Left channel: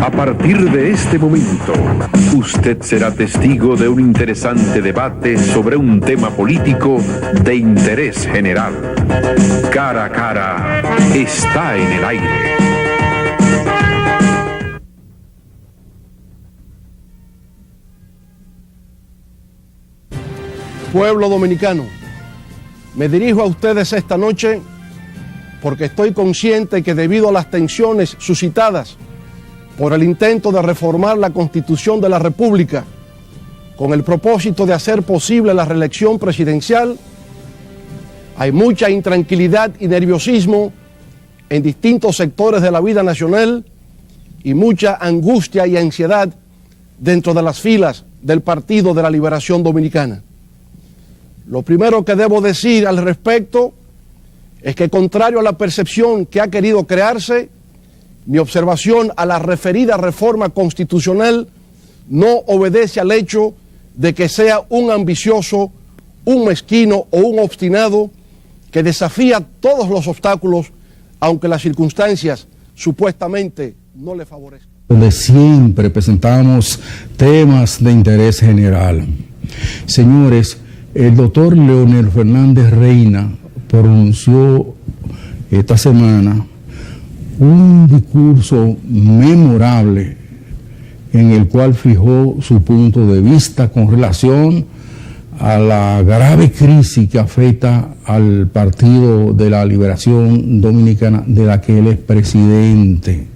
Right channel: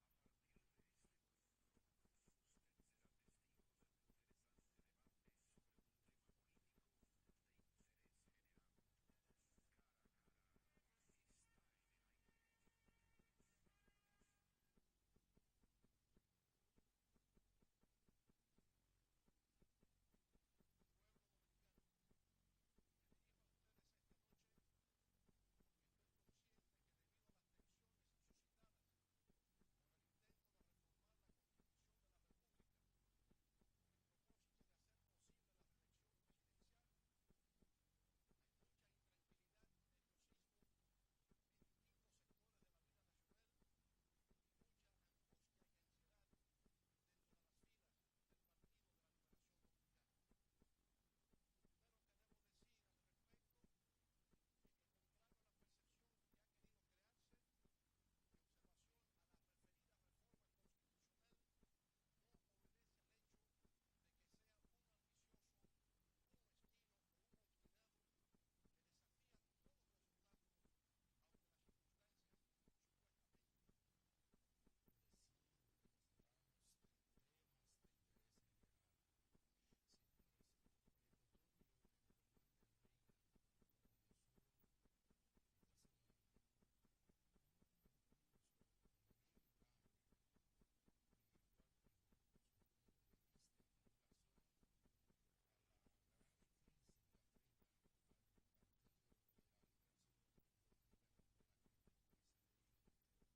A partir de este momento, usted será testigo de un interesante debate sobre un tema político de interés general. Cara a cara está en el aire. Pueblo dominicano, me dirijo a ustedes esta noche porque estoy consciente que debido a las tensiones suscitadas por el intento de reformar la Constitución de la República con el propósito de hacer posible la reelección presidencial, hay mucha intranquilidad y nerviosismo en distintos sectores de la vida nacional y mucha angustia y ansiedad dentro de las filas del Partido de la Liberación Dominicana. Lo primero que debo decir al respecto es que, contrario a la percepción que ha querido crearse, mi observación a la referida reforma constitucional no obedece al hecho de que sea un ambicioso, un mezquino o un obstinado que desafía todos los obstáculos, aunque las circunstancias supuestamente no le favorezcan. Donde siempre presentamos temas de interés general. Señores, el doctor Leonel Fernández Reina pronunció esta semana un discurso memorable en el cual fijó su punto de vista con relación a la grave crisis que afecta al Partido de la Liberación Dominicana, de la que él es presidente.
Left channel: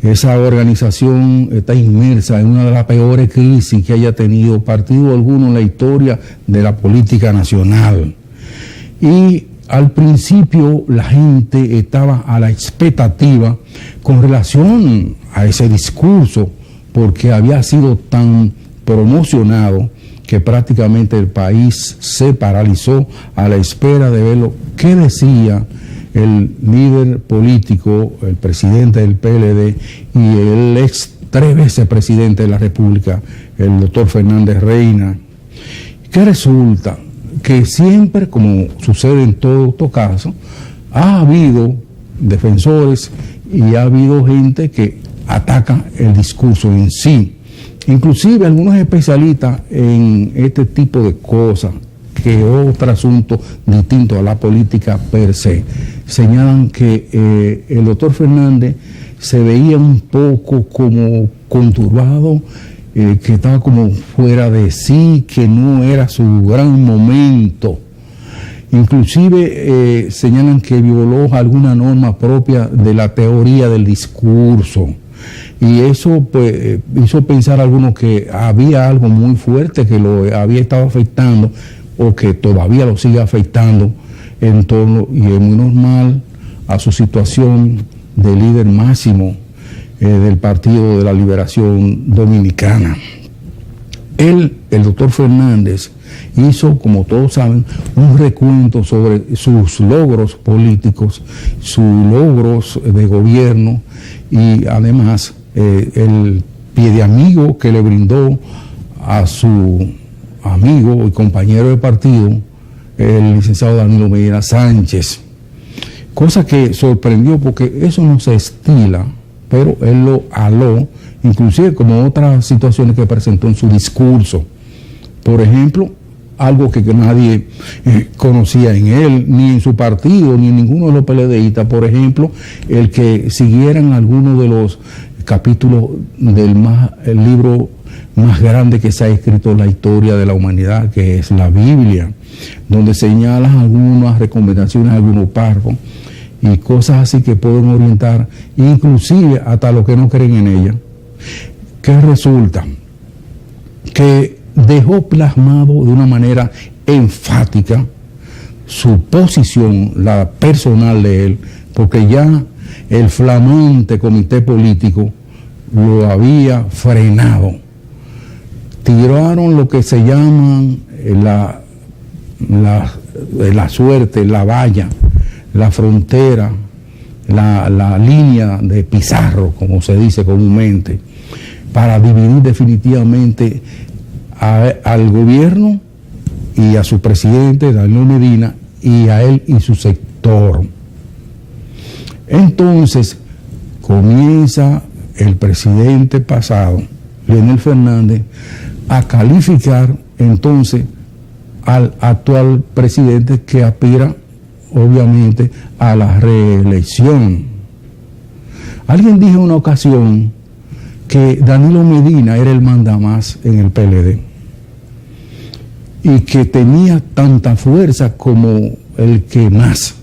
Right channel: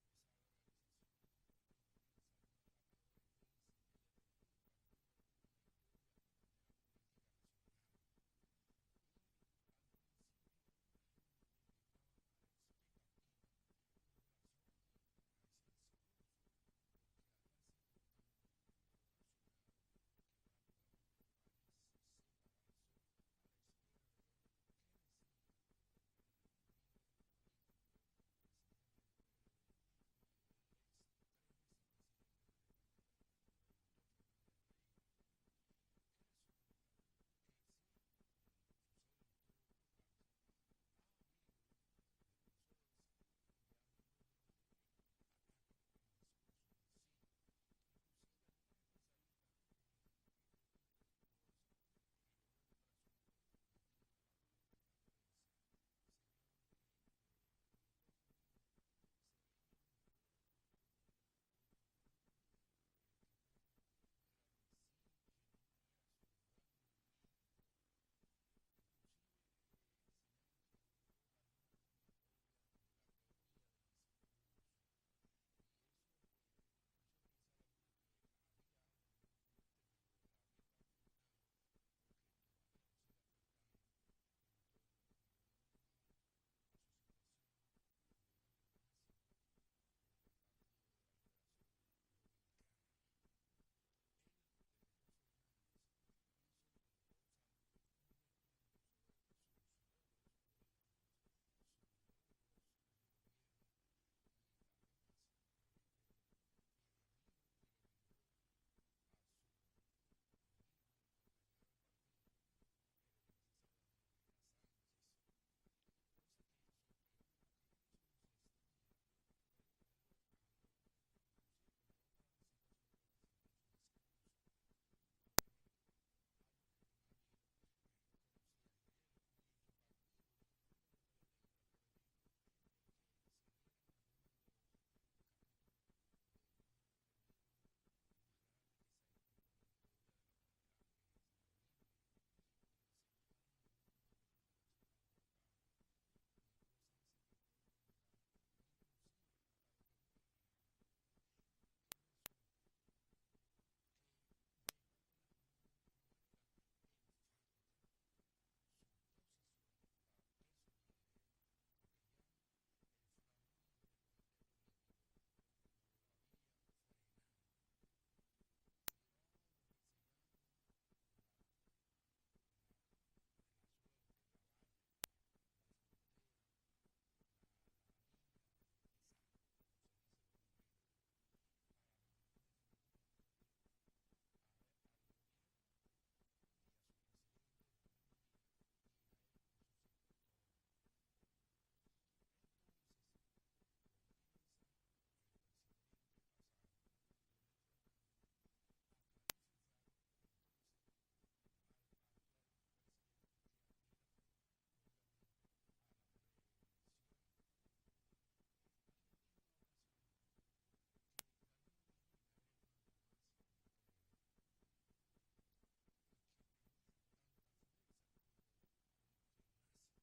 Esa organización está inmersa en una de las peores crisis que haya tenido partido alguno en la historia de la política nacional. Y al principio la gente estaba a la expectativa con relación a ese discurso, porque había sido tan promocionado que prácticamente el país se paralizó a la espera de ver lo que decía el líder político, el presidente del PLD y el ex 3 veces presidente de la República, el doctor Fernández Reina. ¿Qué resulta? Que siempre, como sucede en todo estos casos, ha habido defensores y ha habido gente que ataca el discurso en sí. Inclusive algunos especialistas en este tipo de cosas, que otro asunto distinto a la política per se, señalan que el doctor Fernández se veía un poco como conturbado, que estaba como fuera de sí, que no era su gran momento. Inclusive señalan que violó alguna norma propia de la teoría del discurso. Y eso pues hizo pensar a algunos que había algo muy fuerte que lo había estado afectando o que todavía lo sigue afectando en torno, y es muy normal, a su situación de líder máximo del Partido de la Liberación Dominicana. El doctor Fernández hizo, como todos saben, un recuento sobre sus logros políticos, sus logros de gobierno y además el pie de amigo que le brindó a su amigo y compañero de partido, el licenciado Danilo Medina Sánchez. Cosa que sorprendió porque eso no se estila, pero él lo aló, inclusive como otras situaciones que presentó en su discurso. Por ejemplo, algo que nadie conocía en él, ni en su partido, ni en ninguno de los PLDistas, por ejemplo, el que siguieran algunos de los capítulos del el libro más grande que se ha escrito en la historia de la humanidad, que es la Biblia, donde señalan algunas recomendaciones, algunos párrafos, y cosas así que pueden orientar, inclusive hasta los que no creen en ella. ¿Qué resulta? Que dejó plasmado de una manera enfática su posición, la personal de él, porque ya el flamante comité político lo había frenado. Tiraron lo que se llaman la suerte, la valla, la frontera, la línea de Pizarro, como se dice comúnmente, para dividir definitivamente al gobierno y a su presidente, Danilo Medina, y a él y su sector. Entonces, comienza el presidente pasado, Leonel Fernández, a calificar entonces al actual presidente que aspira obviamente a la reelección. Alguien dijo en una ocasión que Danilo Medina era el mandamás en el PLD y que tenía tanta fuerza como el que más,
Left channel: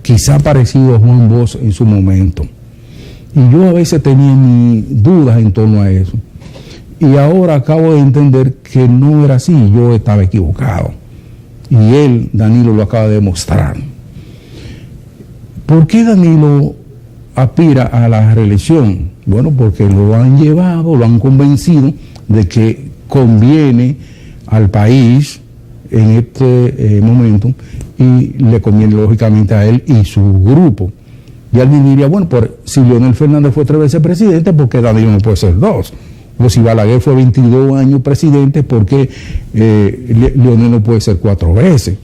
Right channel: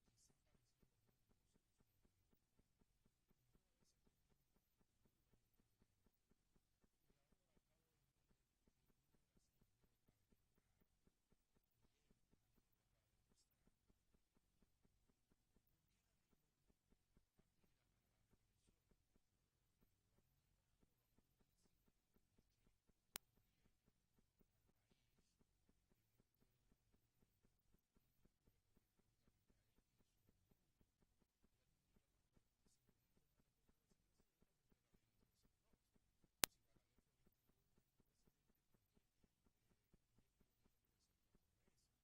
quizá parecido a Juan Bosch en su momento. Y yo a veces tenía mis dudas en torno a eso. Y ahora acabo de entender que no era así, yo estaba equivocado. Y él, Danilo, lo acaba de demostrar. ¿Por qué Danilo aspira a la reelección? Bueno, porque lo han llevado, lo han convencido de que conviene al país en este momento y le conviene lógicamente a él y su grupo. Y alguien diría, bueno, si Leonel Fernández fue 3 veces presidente, ¿por qué Danilo no puede ser 2? O si Balaguer fue 22 años presidente, ¿por qué Leonel no puede ser 4 veces?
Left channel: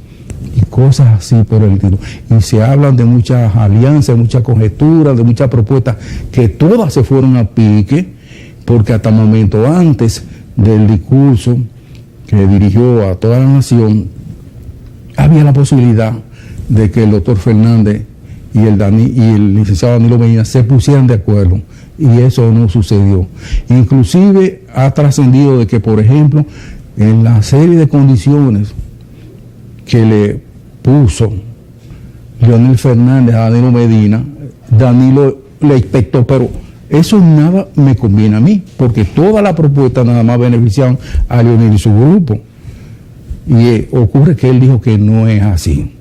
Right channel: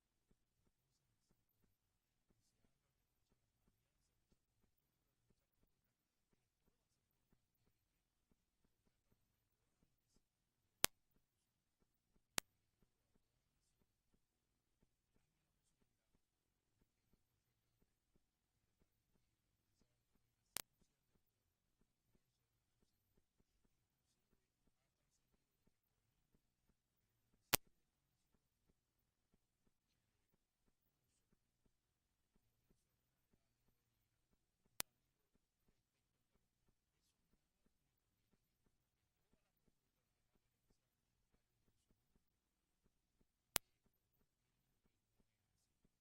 Y cosas así por el estilo. Y se hablan de muchas alianzas, de muchas conjeturas, de muchas propuestas, que todas se fueron a pique, porque hasta el momento antes del discurso que dirigió a toda la nación, había la posibilidad de que el doctor Fernández y el licenciado Danilo Medina se pusieran de acuerdo, y eso no sucedió. Inclusive ha trascendido de que, por ejemplo, en la serie de condiciones que le puso Leonel Fernández a Danilo Medina, Danilo le expectó, pero eso nada me conviene a mí, porque toda la propuesta nada más beneficiaban a Leonel y su grupo. Y ocurre que él dijo que no es así.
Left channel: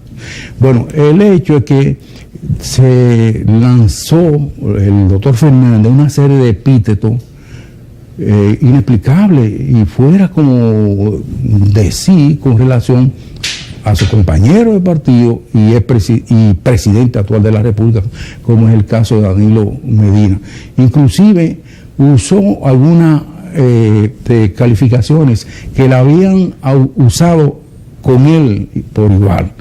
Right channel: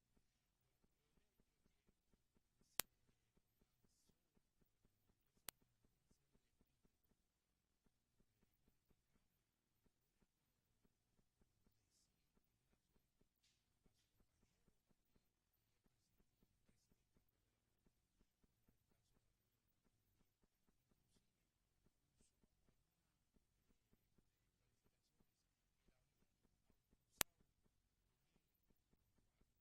Bueno, el hecho es que se lanzó el doctor Fernández una serie de epítetos inexplicables y fuera como de sí con relación a su compañero de partido y presidente actual de la República, como es el caso de Danilo Medina. Inclusive usó algunas calificaciones que la habían usado con él por igual.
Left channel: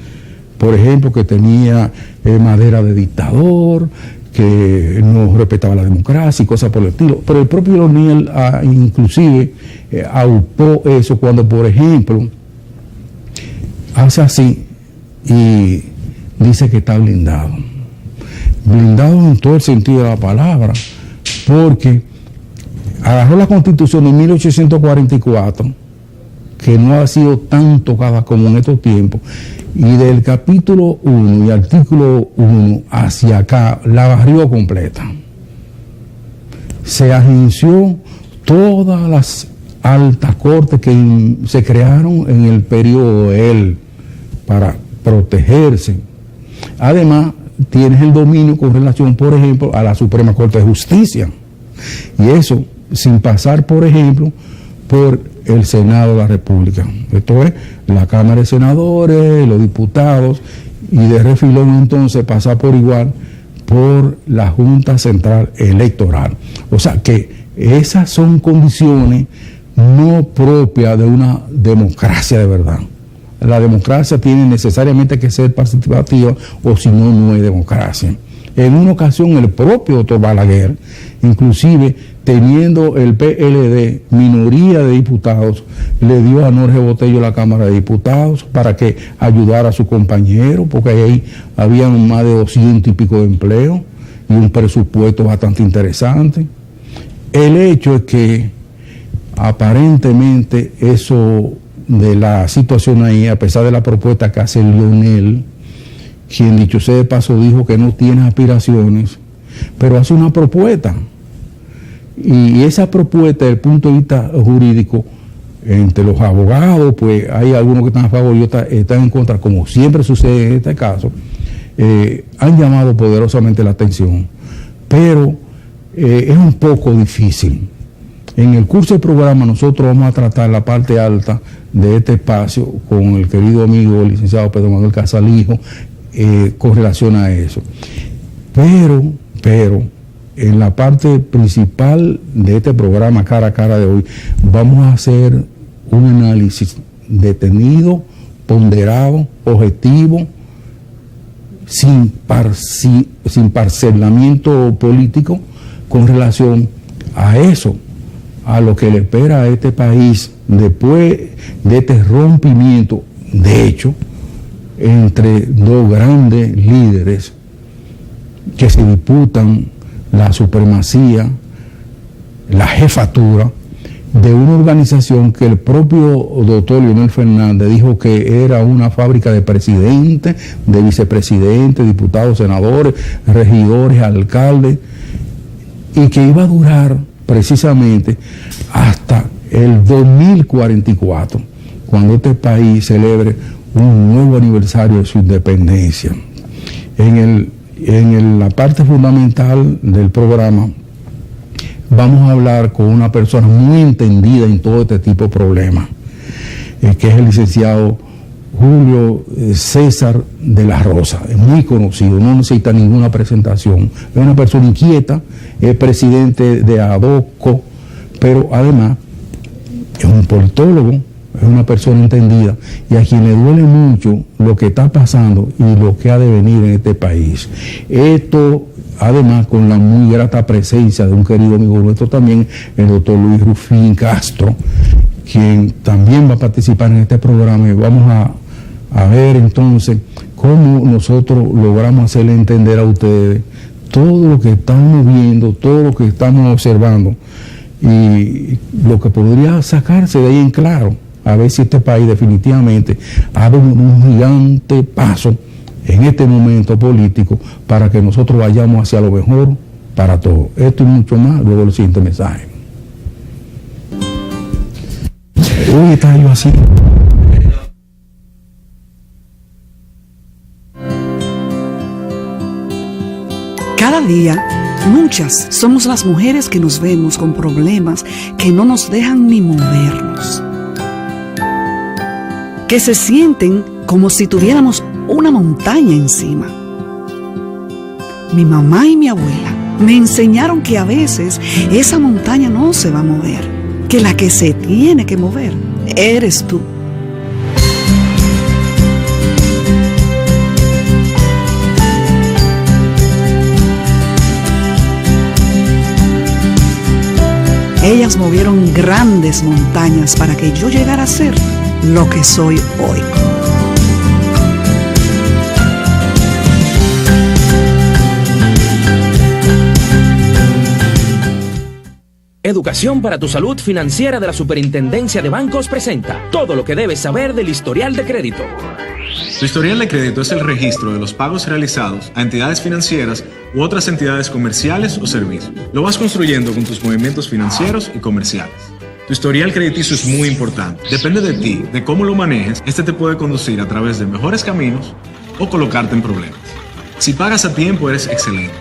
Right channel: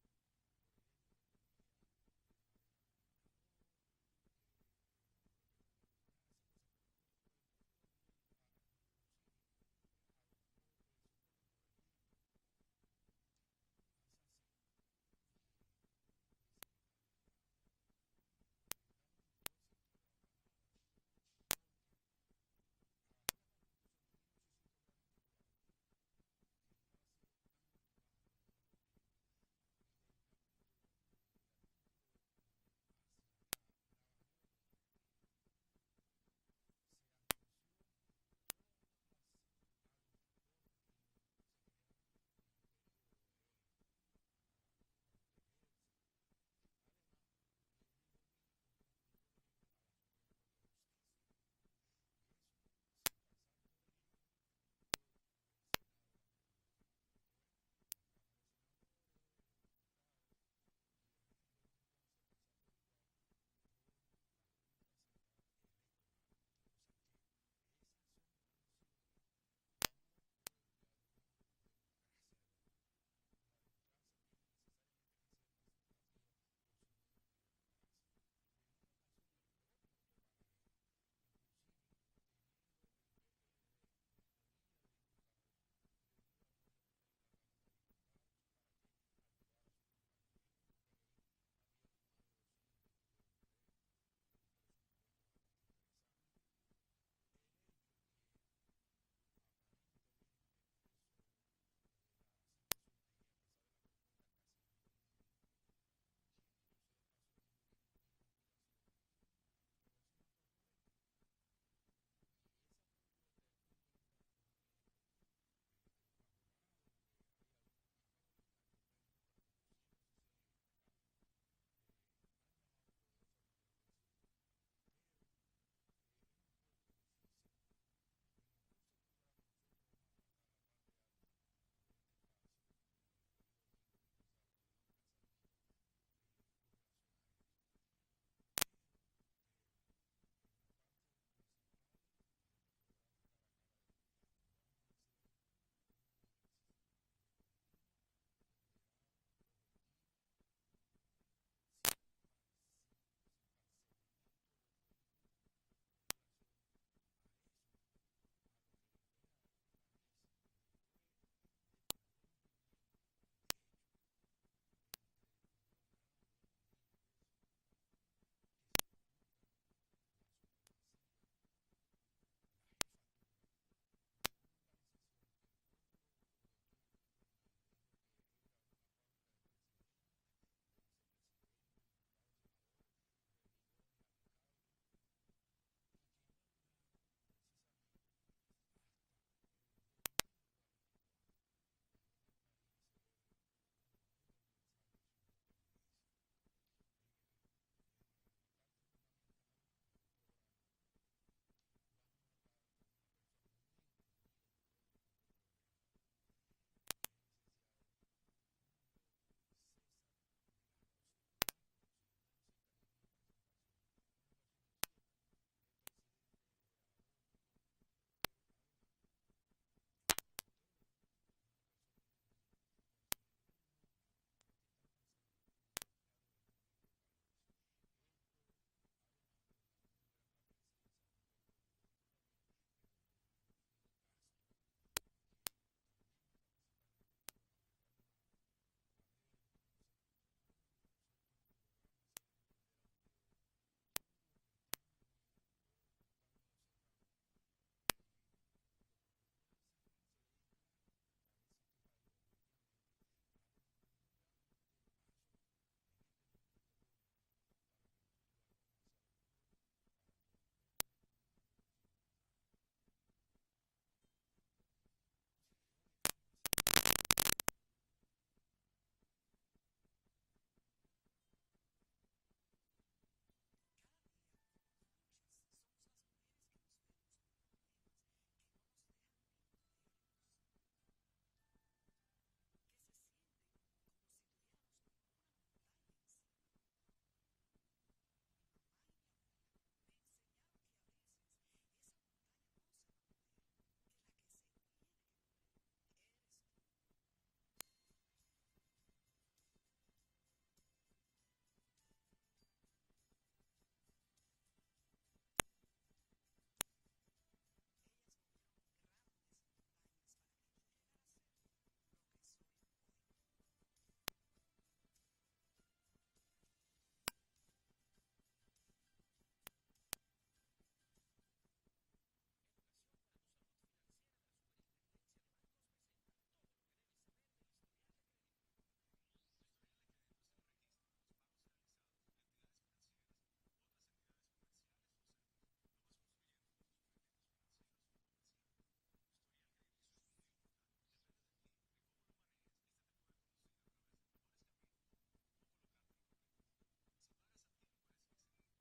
Por ejemplo, que tenía madera de dictador, que no respetaba la democracia y cosas por el estilo. Pero el propio Leonel inclusive aupó eso cuando, por ejemplo, hace así y dice que está blindado. Blindado en todo el sentido de la palabra, porque agarró la Constitución de 1844, que no ha sido tan tocada como en estos tiempos, y del capítulo 1 y artículo 1 hacia acá la barrió completa. Se agenció todas las altas cortes que se crearon en el periodo de él para protegerse. Además, tienes el dominio con relación, por ejemplo, a la Suprema Corte de Justicia. Y eso sin pasar, por ejemplo, por el Senado de la República. Esto es la Cámara de Senadores, los diputados, y de refilón entonces pasar por igual por la Junta Central Electoral. O sea que esas son condiciones no propias de una democracia de verdad. La democracia tiene necesariamente que ser participativa, o si no, no es democracia. En una ocasión el propio doctor Balaguer, inclusive teniendo el PLD minoría de diputados, le dio a Jorge Botello la Cámara de Diputados para que ayudara a su compañero, porque ahí habían más de 200 y pico de empleos y un presupuesto bastante interesante. El hecho es que aparentemente eso de la situación ahí, a pesar de la propuesta que hace Leonel, quien dicho sea de paso dijo que no tiene aspiraciones, pero hace una propuesta. Y esa propuesta, desde el punto de vista jurídico, entre los abogados, pues hay algunos que están a favor y otros están en contra, como siempre sucede en este caso, han llamado poderosamente la atención. Pero es un poco difícil. En el curso del programa nosotros vamos a tratar la parte alta de este espacio con el querido amigo el licenciado Pedro Manuel Casalijo, con relación a eso. Pero en la parte principal de este programa cara a cara de hoy vamos a hacer un análisis detenido, ponderado, objetivo sin parcelamiento político con relación a eso, a lo que le espera a este país después de este rompimiento, de hecho, entre dos grandes líderes que se disputan la supremacía, la jefatura de una organización que el propio doctor Leonel Fernández dijo que era una fábrica de presidentes, de vicepresidentes, diputados, senadores, regidores, alcaldes, y que iba a durar precisamente hasta el 2044, cuando este país celebre un nuevo aniversario de su independencia. En la parte fundamental del programa vamos a hablar con una persona muy entendida en todo este tipo de problemas, que es el licenciado Julio César de la Rosa. Es muy conocido, no necesita ninguna presentación. Es una persona inquieta, es presidente de ADOCO, pero además es un politólogo, es una persona entendida y a quien le duele mucho lo que está pasando y lo que ha de venir en este país. Esto, además, con la muy grata presencia de un querido amigo nuestro también, el doctor Luis Rufín Castro, quien también va a participar en este programa, y vamos a ver entonces cómo nosotros logramos hacerle entender a ustedes todo lo que estamos viendo, todo lo que estamos observando y lo que podría sacarse de ahí en claro, a ver si este país definitivamente ha dado un gigante paso en este momento político para que nosotros vayamos hacia lo mejor para todos. Esto y mucho más, luego el siguiente mensaje. Uy, está yo así. Cada día, muchas somos las mujeres que nos vemos con problemas que no nos dejan ni movernos, que se sienten como si tuviéramos una montaña encima. Mi mamá y mi abuela me enseñaron que a veces esa montaña no se va a mover, que la que se tiene que mover eres tú. Ellas movieron grandes montañas para que yo llegara a ser lo que soy hoy. Educación para tu salud financiera de la Superintendencia de Bancos presenta todo lo que debes saber del historial de crédito. Tu historial de crédito es el registro de los pagos realizados a entidades financieras u otras entidades comerciales o servicios. Lo vas construyendo con tus movimientos financieros y comerciales. Tu historial crediticio es muy importante. Depende de ti, de cómo lo manejes. Este te puede conducir a través de mejores caminos o colocarte en problemas. Si pagas a tiempo, eres excelente.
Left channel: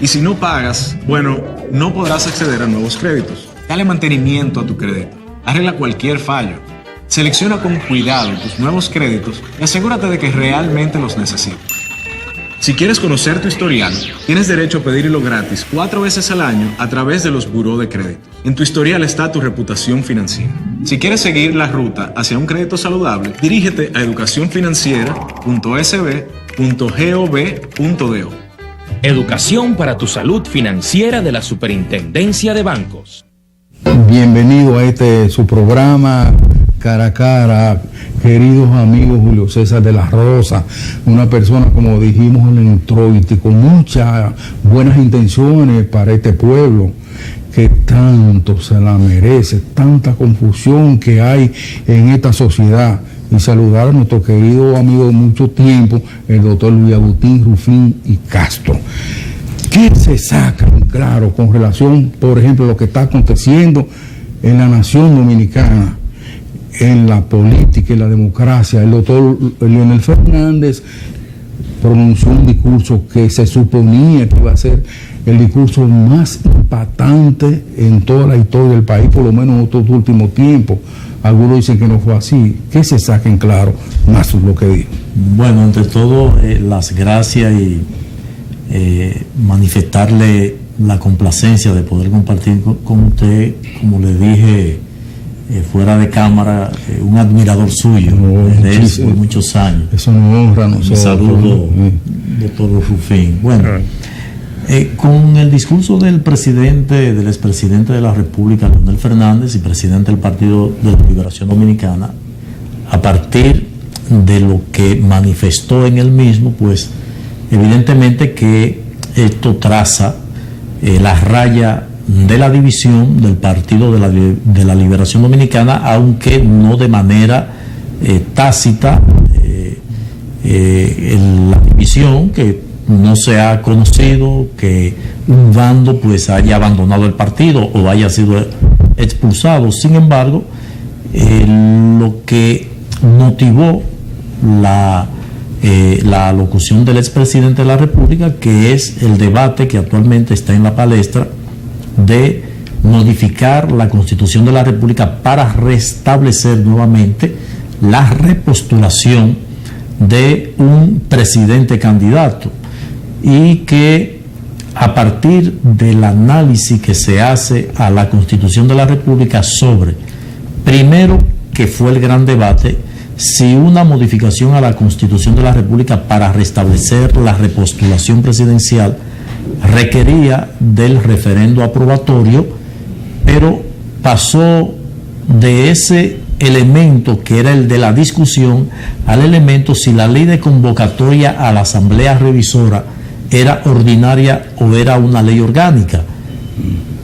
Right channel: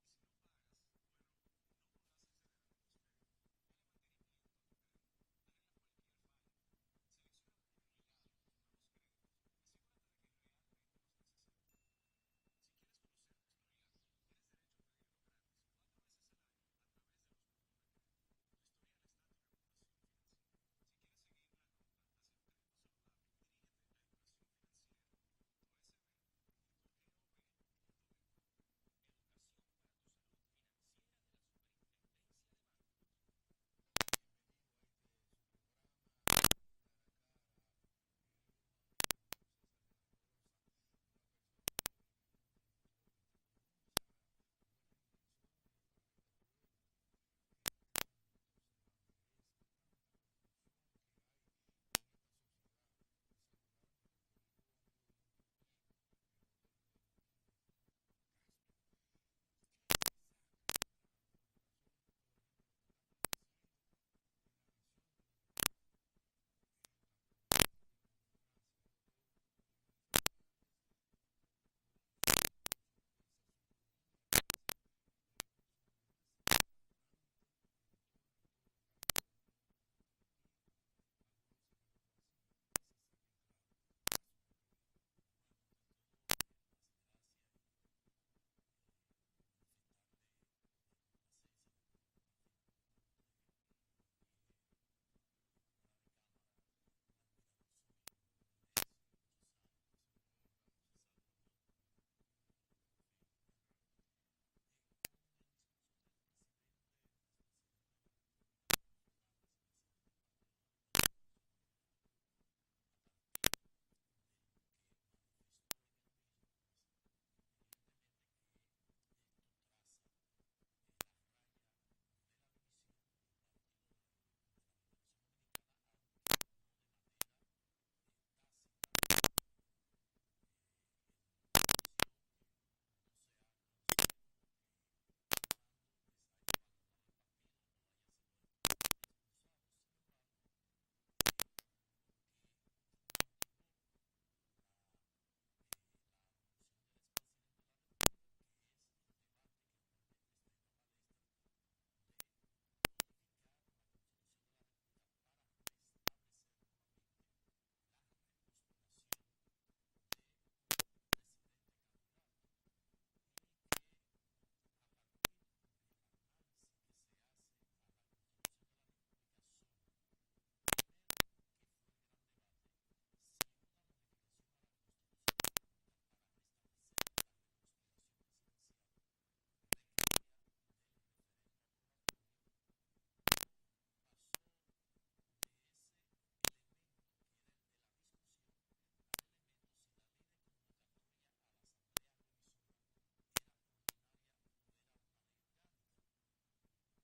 Y si no pagas, bueno, no podrás acceder a nuevos créditos. Dale mantenimiento a tu crédito. Arregla cualquier fallo. Selecciona con cuidado tus nuevos créditos y asegúrate de que realmente los necesitas. Si quieres conocer tu historial, tienes derecho a pedirlo gratis 4 veces al año a través de los buró de crédito. En tu historial está tu reputación financiera. Si quieres seguir la ruta hacia un crédito saludable, dirígete a educacionfinanciera.sb.gov.do. Educación para tu salud financiera de la Superintendencia de Bancos. Bienvenido a su programa Cara a Cara, queridos amigos. Julio César de la Rosa, una persona, como dijimos en el introito, con muchas buenas intenciones para este pueblo que tanto se la merece, tanta confusión que hay en esta sociedad. Y saludar a nuestro querido amigo de mucho tiempo, el doctor Luis Agustín Rufín y Castro. ¿Qué se sacan, claro, con relación, por ejemplo, a lo que está aconteciendo en la nación dominicana, en la política y la democracia? El doctor Leonel Fernández pronunció un discurso que se suponía que iba a ser el discurso más impactante en toda la historia del país, por lo menos en estos últimos tiempos. Algunos dicen que no fue así. ¿Qué se saquen claro más lo que dijo? Bueno, entre todo, las gracias y manifestarle la complacencia de poder compartir con usted, como le dije fuera de cámara, un admirador suyo de él por muchos años. Eso nos honra a nosotros. Un saludo, doctor Rufín. Bueno, con el discurso del expresidente de la República, Leonel Fernández, y presidente del Partido de la Liberación Dominicana, a partir de lo que manifestó en él mismo, pues evidentemente que esto traza la raya de la división del Partido de la Liberación Dominicana, aunque no de manera tácita. La división, que no se ha conocido que un bando pues haya abandonado el partido o haya sido expulsado. Sin embargo, lo que motivó la alocución del expresidente de la República, que es el debate que actualmente está en la palestra de modificar la Constitución de la República para restablecer nuevamente la repostulación de un presidente candidato, y que a partir del análisis que se hace a la Constitución de la República sobre, primero, que fue el gran debate, si una modificación a la Constitución de la República para restablecer la repostulación presidencial requería del referendo aprobatorio, pero pasó de ese elemento que era el de la discusión al elemento si la ley de convocatoria a la Asamblea Revisora era ordinaria o era una ley orgánica.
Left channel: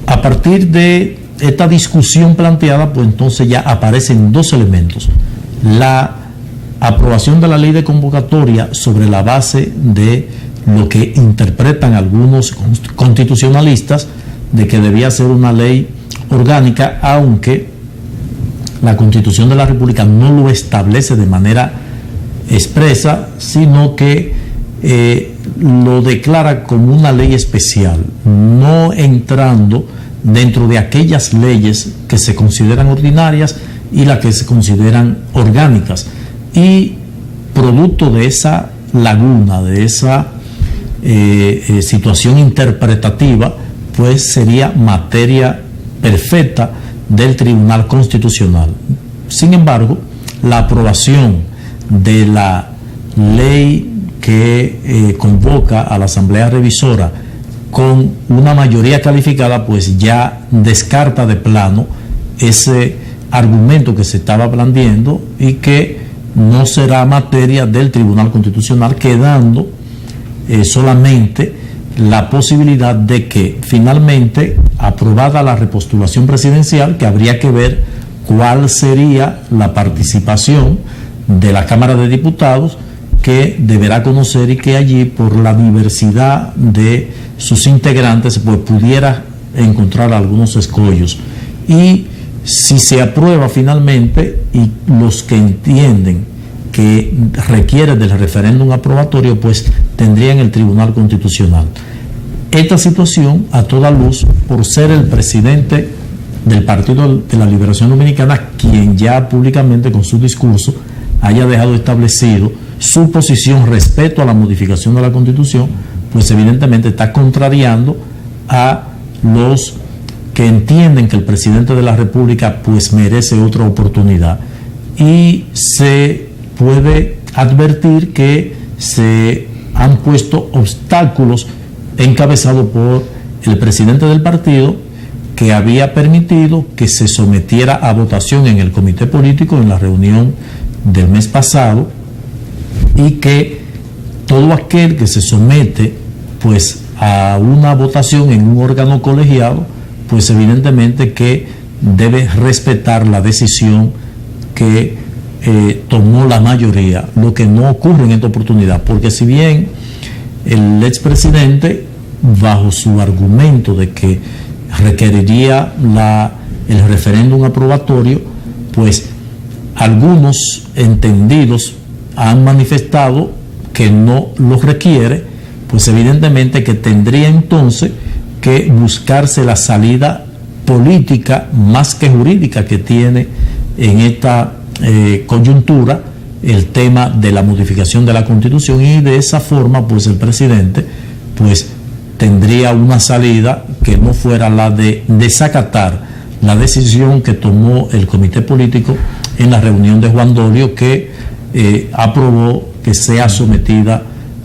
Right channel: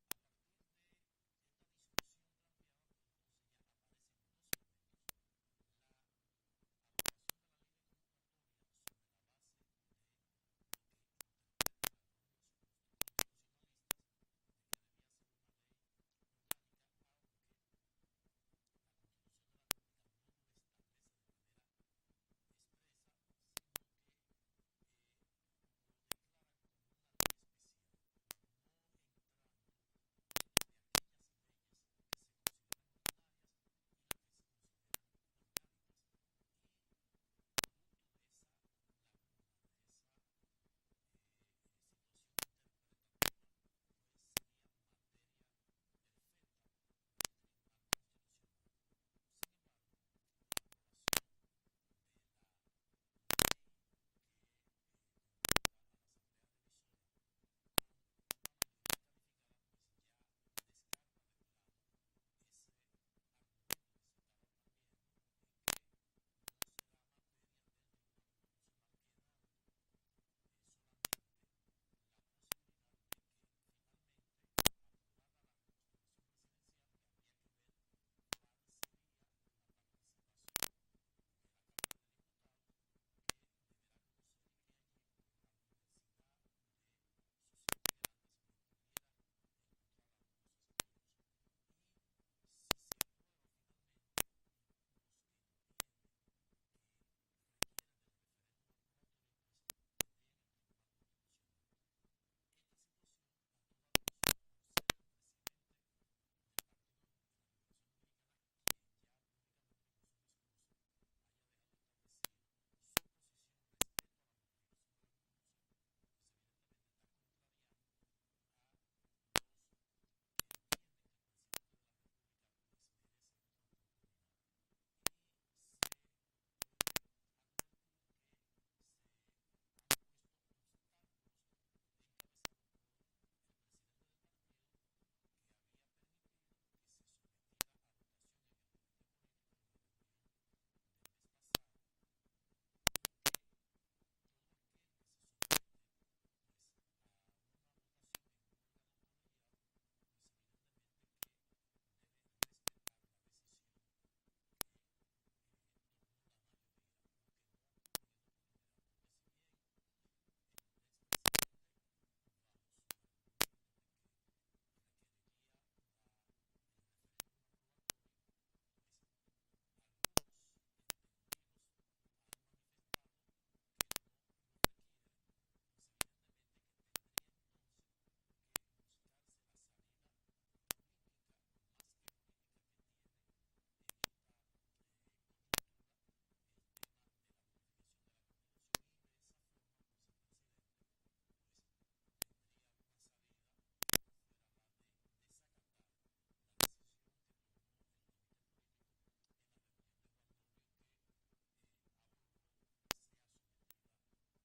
A partir de esta discusión planteada, pues entonces ya aparecen dos elementos: la aprobación de la ley de convocatoria sobre la base de lo que interpretan algunos constitucionalistas de que debía ser una ley orgánica, aunque la Constitución de la República no lo establece de manera expresa, sino que lo declara como una ley especial, no entrando dentro de aquellas leyes que se consideran ordinarias y las que se consideran orgánicas. Y producto de esa laguna, de esa situación interpretativa, pues sería materia perfecta del Tribunal Constitucional. Sin embargo, la aprobación de la ley que convoca a la Asamblea Revisora con una mayoría calificada, pues ya descarta de plano ese argumento que se estaba blandiendo, y que no será materia del Tribunal Constitucional, quedando solamente la posibilidad de que finalmente, aprobada la repostulación presidencial, que habría que ver cuál sería la participación de la Cámara de Diputados, que deberá conocer, y que allí, por la diversidad de sus integrantes, pues pudiera encontrar algunos escollos. Y si se aprueba finalmente, y los que entienden que requiere del referéndum aprobatorio, pues tendrían el Tribunal Constitucional. Esta situación, a toda luz, por ser el presidente del Partido de la Liberación Dominicana quien ya públicamente con su discurso haya dejado establecido su posición respecto a la modificación de la Constitución, pues evidentemente está contrariando a los que entienden que el presidente de la República pues merece otra oportunidad. Y se puede advertir que se han puesto obstáculos encabezados por el presidente del partido, que había permitido que se sometiera a votación en el comité político en la reunión del mes pasado, y que todo aquel que se somete pues a una votación en un órgano colegiado, pues evidentemente que debe respetar la decisión que tomó la mayoría, lo que no ocurre en esta oportunidad, porque si bien el expresidente, bajo su argumento de que requeriría el referéndum aprobatorio, pues algunos entendidos han manifestado que no lo requiere, pues evidentemente que tendría entonces que buscarse la salida política más que jurídica que tiene en esta coyuntura el tema de la modificación de la Constitución, y de esa forma pues el presidente pues tendría una salida que no fuera la de desacatar la decisión que tomó el comité político en la reunión de Juan Dolio, que aprobó que sea sometida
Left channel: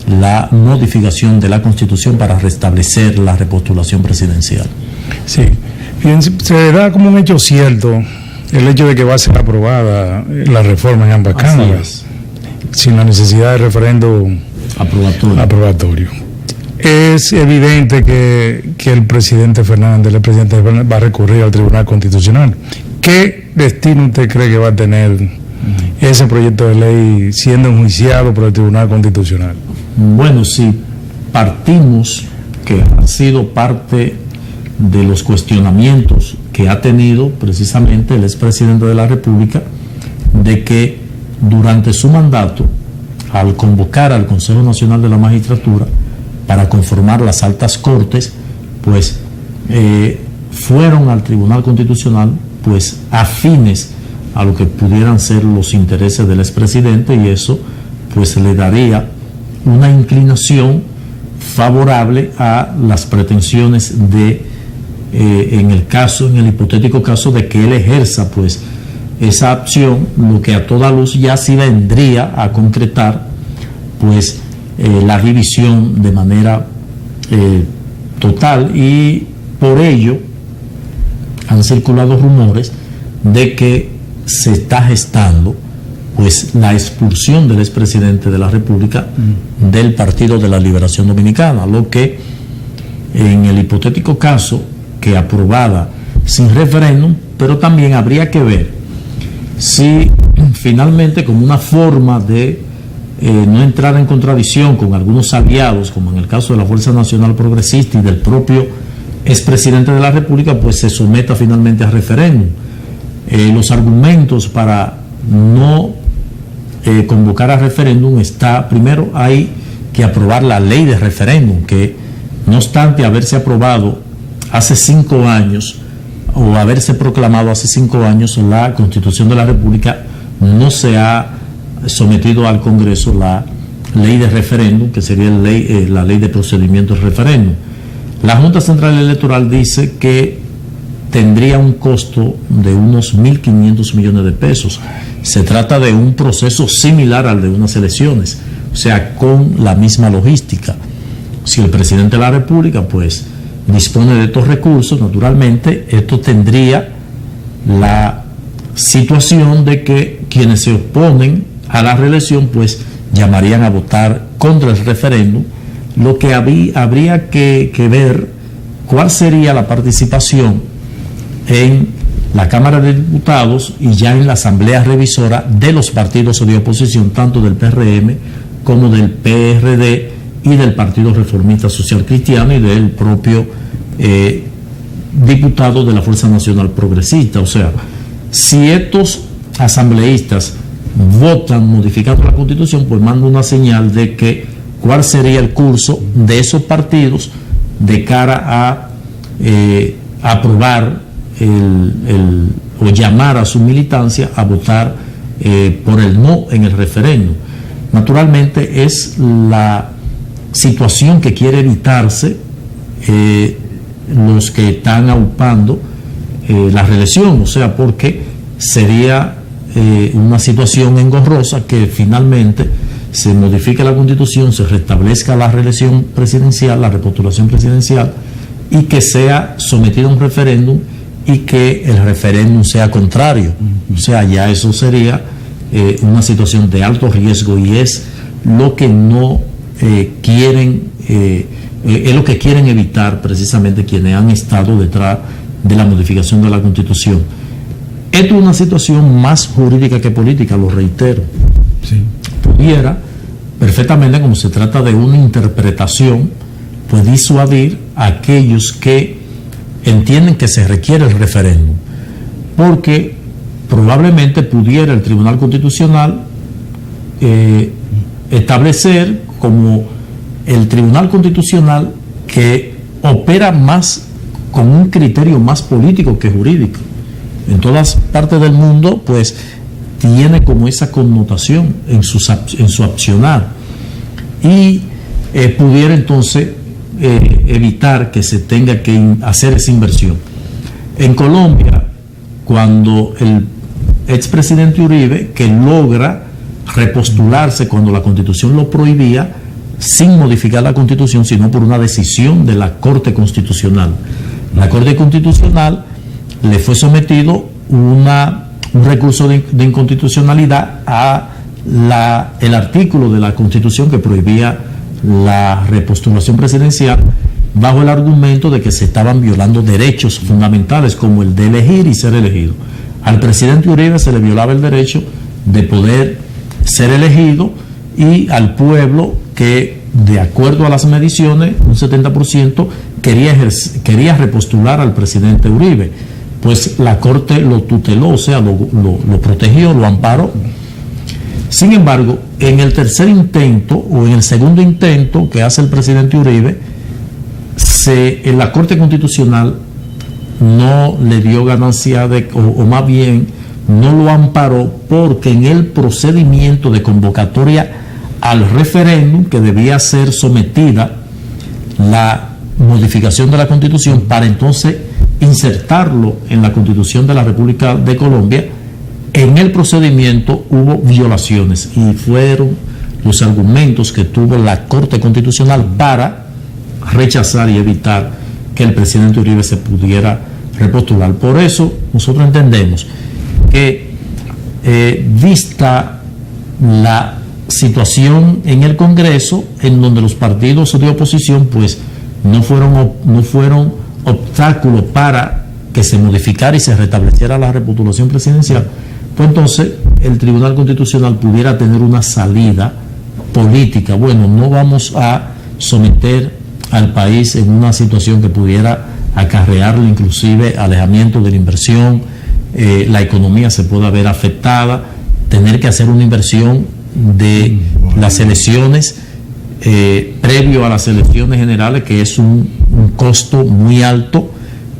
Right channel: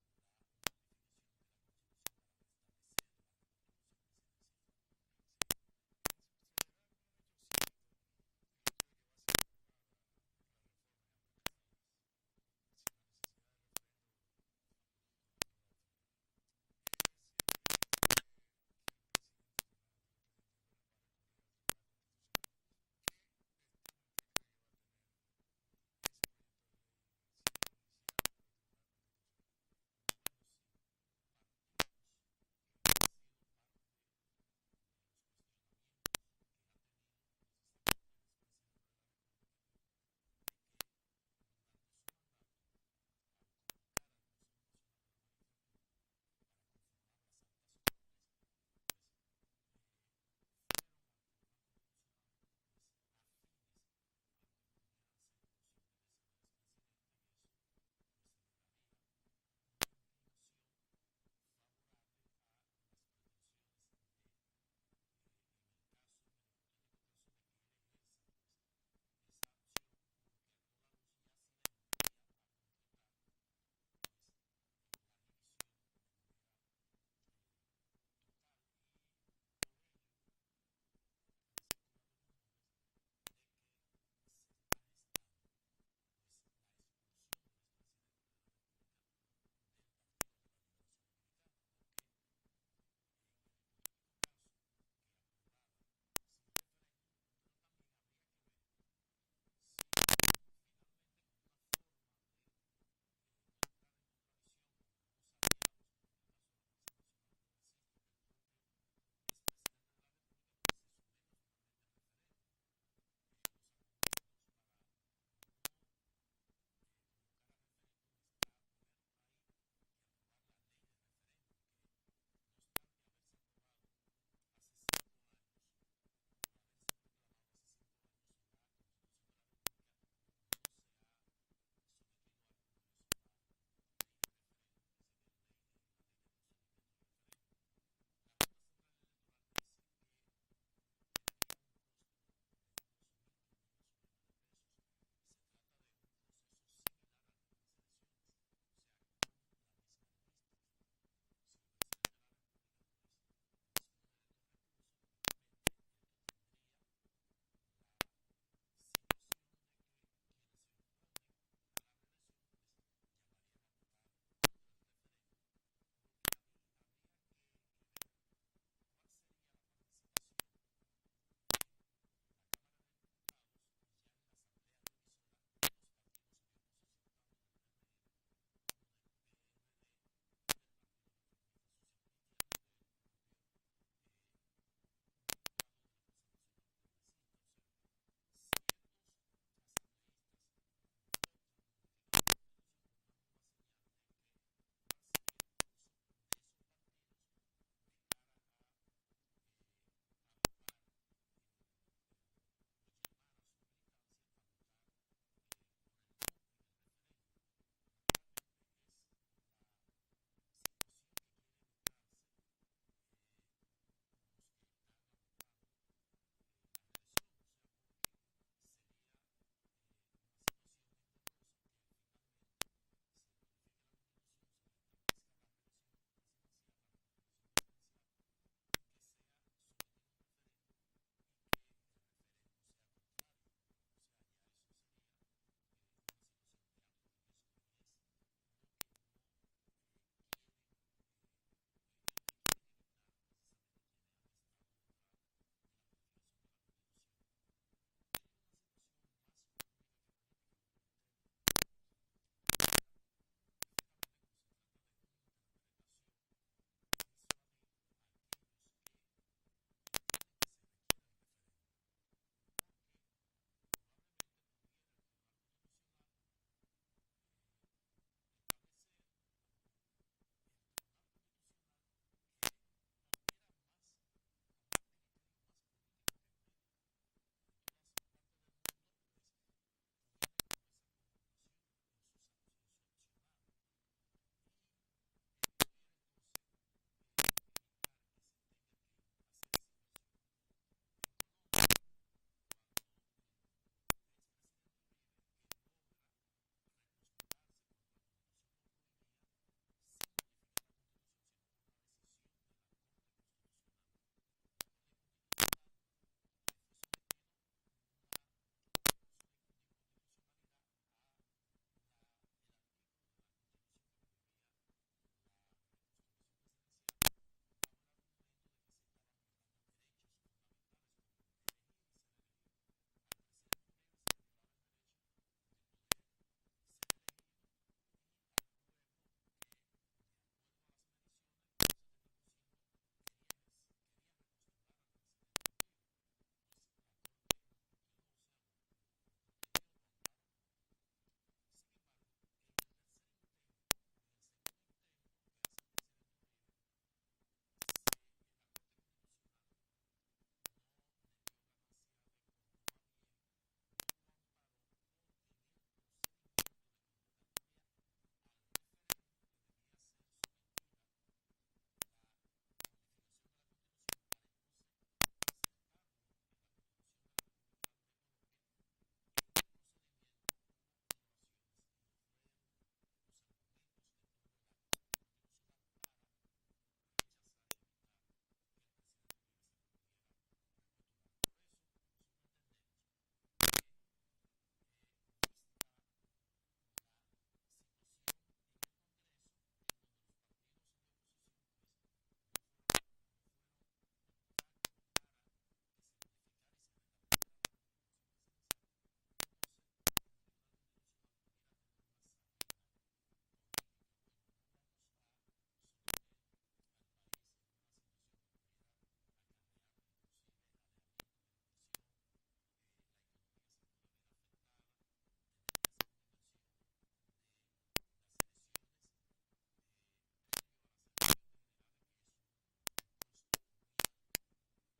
la modificación de la Constitución para restablecer la repostulación presidencial. Sí, fíjense, se da como un hecho cierto el hecho de que va a ser aprobada la reforma en ambas cámaras, sin la necesidad de referendo aprobatorio. Es evidente que el presidente Fernández va a recurrir al Tribunal Constitucional. ¿Qué destino usted cree que va a tener ese proyecto de ley siendo enjuiciado por el Tribunal Constitucional? Bueno, si partimos que ha sido parte de los cuestionamientos que ha tenido precisamente el expresidente de la República, de que durante su mandato, al convocar al Consejo Nacional de la Magistratura para conformar las altas cortes, pues fueron al Tribunal Constitucional pues afines a lo que pudieran ser los intereses del expresidente, y eso pues le daría una inclinación favorable a las pretensiones de en el hipotético caso de que él ejerza pues esa opción, lo que a toda luz ya sí vendría a concretar pues la división de manera total, y por ello han circulado rumores de que se está gestando pues la expulsión del expresidente de la República del Partido de la Liberación Dominicana, lo que en el hipotético caso que aprobada sin referéndum, pero también habría que ver si finalmente, como una forma de no entrar en contradicción con algunos aliados, como en el caso de la Fuerza Nacional Progresista y del propio expresidente de la República, pues se someta finalmente a referéndum. Los argumentos para no convocar a referéndum está, primero hay que aprobar la ley de referéndum, que no obstante haberse aprobado hace 5 años o haberse proclamado hace 5 años, la Constitución de la República no se ha sometido al Congreso la ley de referéndum, que sería la ley de procedimiento de referéndum. La Junta Central Electoral dice que tendría un costo de unos 1.500 millones de pesos. Se trata de un proceso similar al de unas elecciones, o sea, con la misma logística. Si el presidente de la República pues dispone de estos recursos, naturalmente esto tendría la situación de que quienes se oponen a la reelección pues llamarían a votar contra el referéndum, lo que habría que ver cuál sería la participación en la Cámara de Diputados y ya en la Asamblea Revisora de los partidos de oposición, tanto del PRM como del PRD y del Partido Reformista Social Cristiano y del propio diputado de la Fuerza Nacional Progresista. O sea, si estos asambleístas votan modificando la Constitución, pues manda una señal de que cuál sería el curso de esos partidos de cara a aprobar o llamar a su militancia a votar por el no en el referéndum. Naturalmente es la situación que quiere evitarse los que están aupando la reelección, o sea, porque sería una situación engorrosa que finalmente se modifique la Constitución, se restablezca la reelección presidencial, la repostulación presidencial, y que sea sometido a un referéndum y que el referéndum sea contrario. O sea, ya eso sería una situación de alto riesgo, y es lo que no quieren, es lo que quieren evitar precisamente quienes han estado detrás de la modificación de la Constitución. Esto es una situación más jurídica que política, lo reitero. Sí. Pudiera perfectamente, como se trata de una interpretación, pues disuadir a aquellos que entienden que se requiere el referéndum, porque probablemente pudiera el Tribunal Constitucional establecer como el Tribunal Constitucional que opera más con un criterio más político que jurídico. En todas partes del mundo pues tiene como esa connotación en su accionar, y pudiera entonces evitar que se tenga que hacer esa inversión. En Colombia cuando el expresidente Uribe, que logra repostularse cuando la Constitución lo prohibía, sin modificar la Constitución, sino por una decisión de la Corte Constitucional. La Corte Constitucional le fue sometido un recurso de inconstitucionalidad a el artículo de la Constitución que prohibía la repostulación presidencial, bajo el argumento de que se estaban violando derechos fundamentales como el de elegir y ser elegido. Al presidente Uribe se le violaba el derecho de poder ser elegido, y al pueblo, que de acuerdo a las mediciones, un 70% quería repostular al presidente Uribe. Pues la Corte lo tuteló, o sea, lo protegió, lo amparó. Sin embargo, en el tercer intento o en el segundo intento que hace el presidente Uribe, en la Corte Constitucional no le dio ganancia o más bien no lo amparó, porque en el procedimiento de convocatoria al referéndum, que debía ser sometida la modificación de la Constitución para entonces insertarlo en la Constitución de la República de Colombia, en el procedimiento hubo violaciones, y fueron los argumentos que tuvo la Corte Constitucional para rechazar y evitar que el presidente Uribe se pudiera repostular. Por eso nosotros entendemos que, vista la situación en el Congreso, en donde los partidos de oposición pues no fueron obstáculos para que se modificara y se restableciera la repostulación presidencial, pues entonces el Tribunal Constitucional pudiera tener una salida política. Bueno, no vamos a someter al país en una situación que pudiera acarrearle inclusive alejamiento de la inversión, la economía se pueda ver afectada, tener que hacer una inversión de las elecciones previo a las elecciones generales, que es un costo muy alto.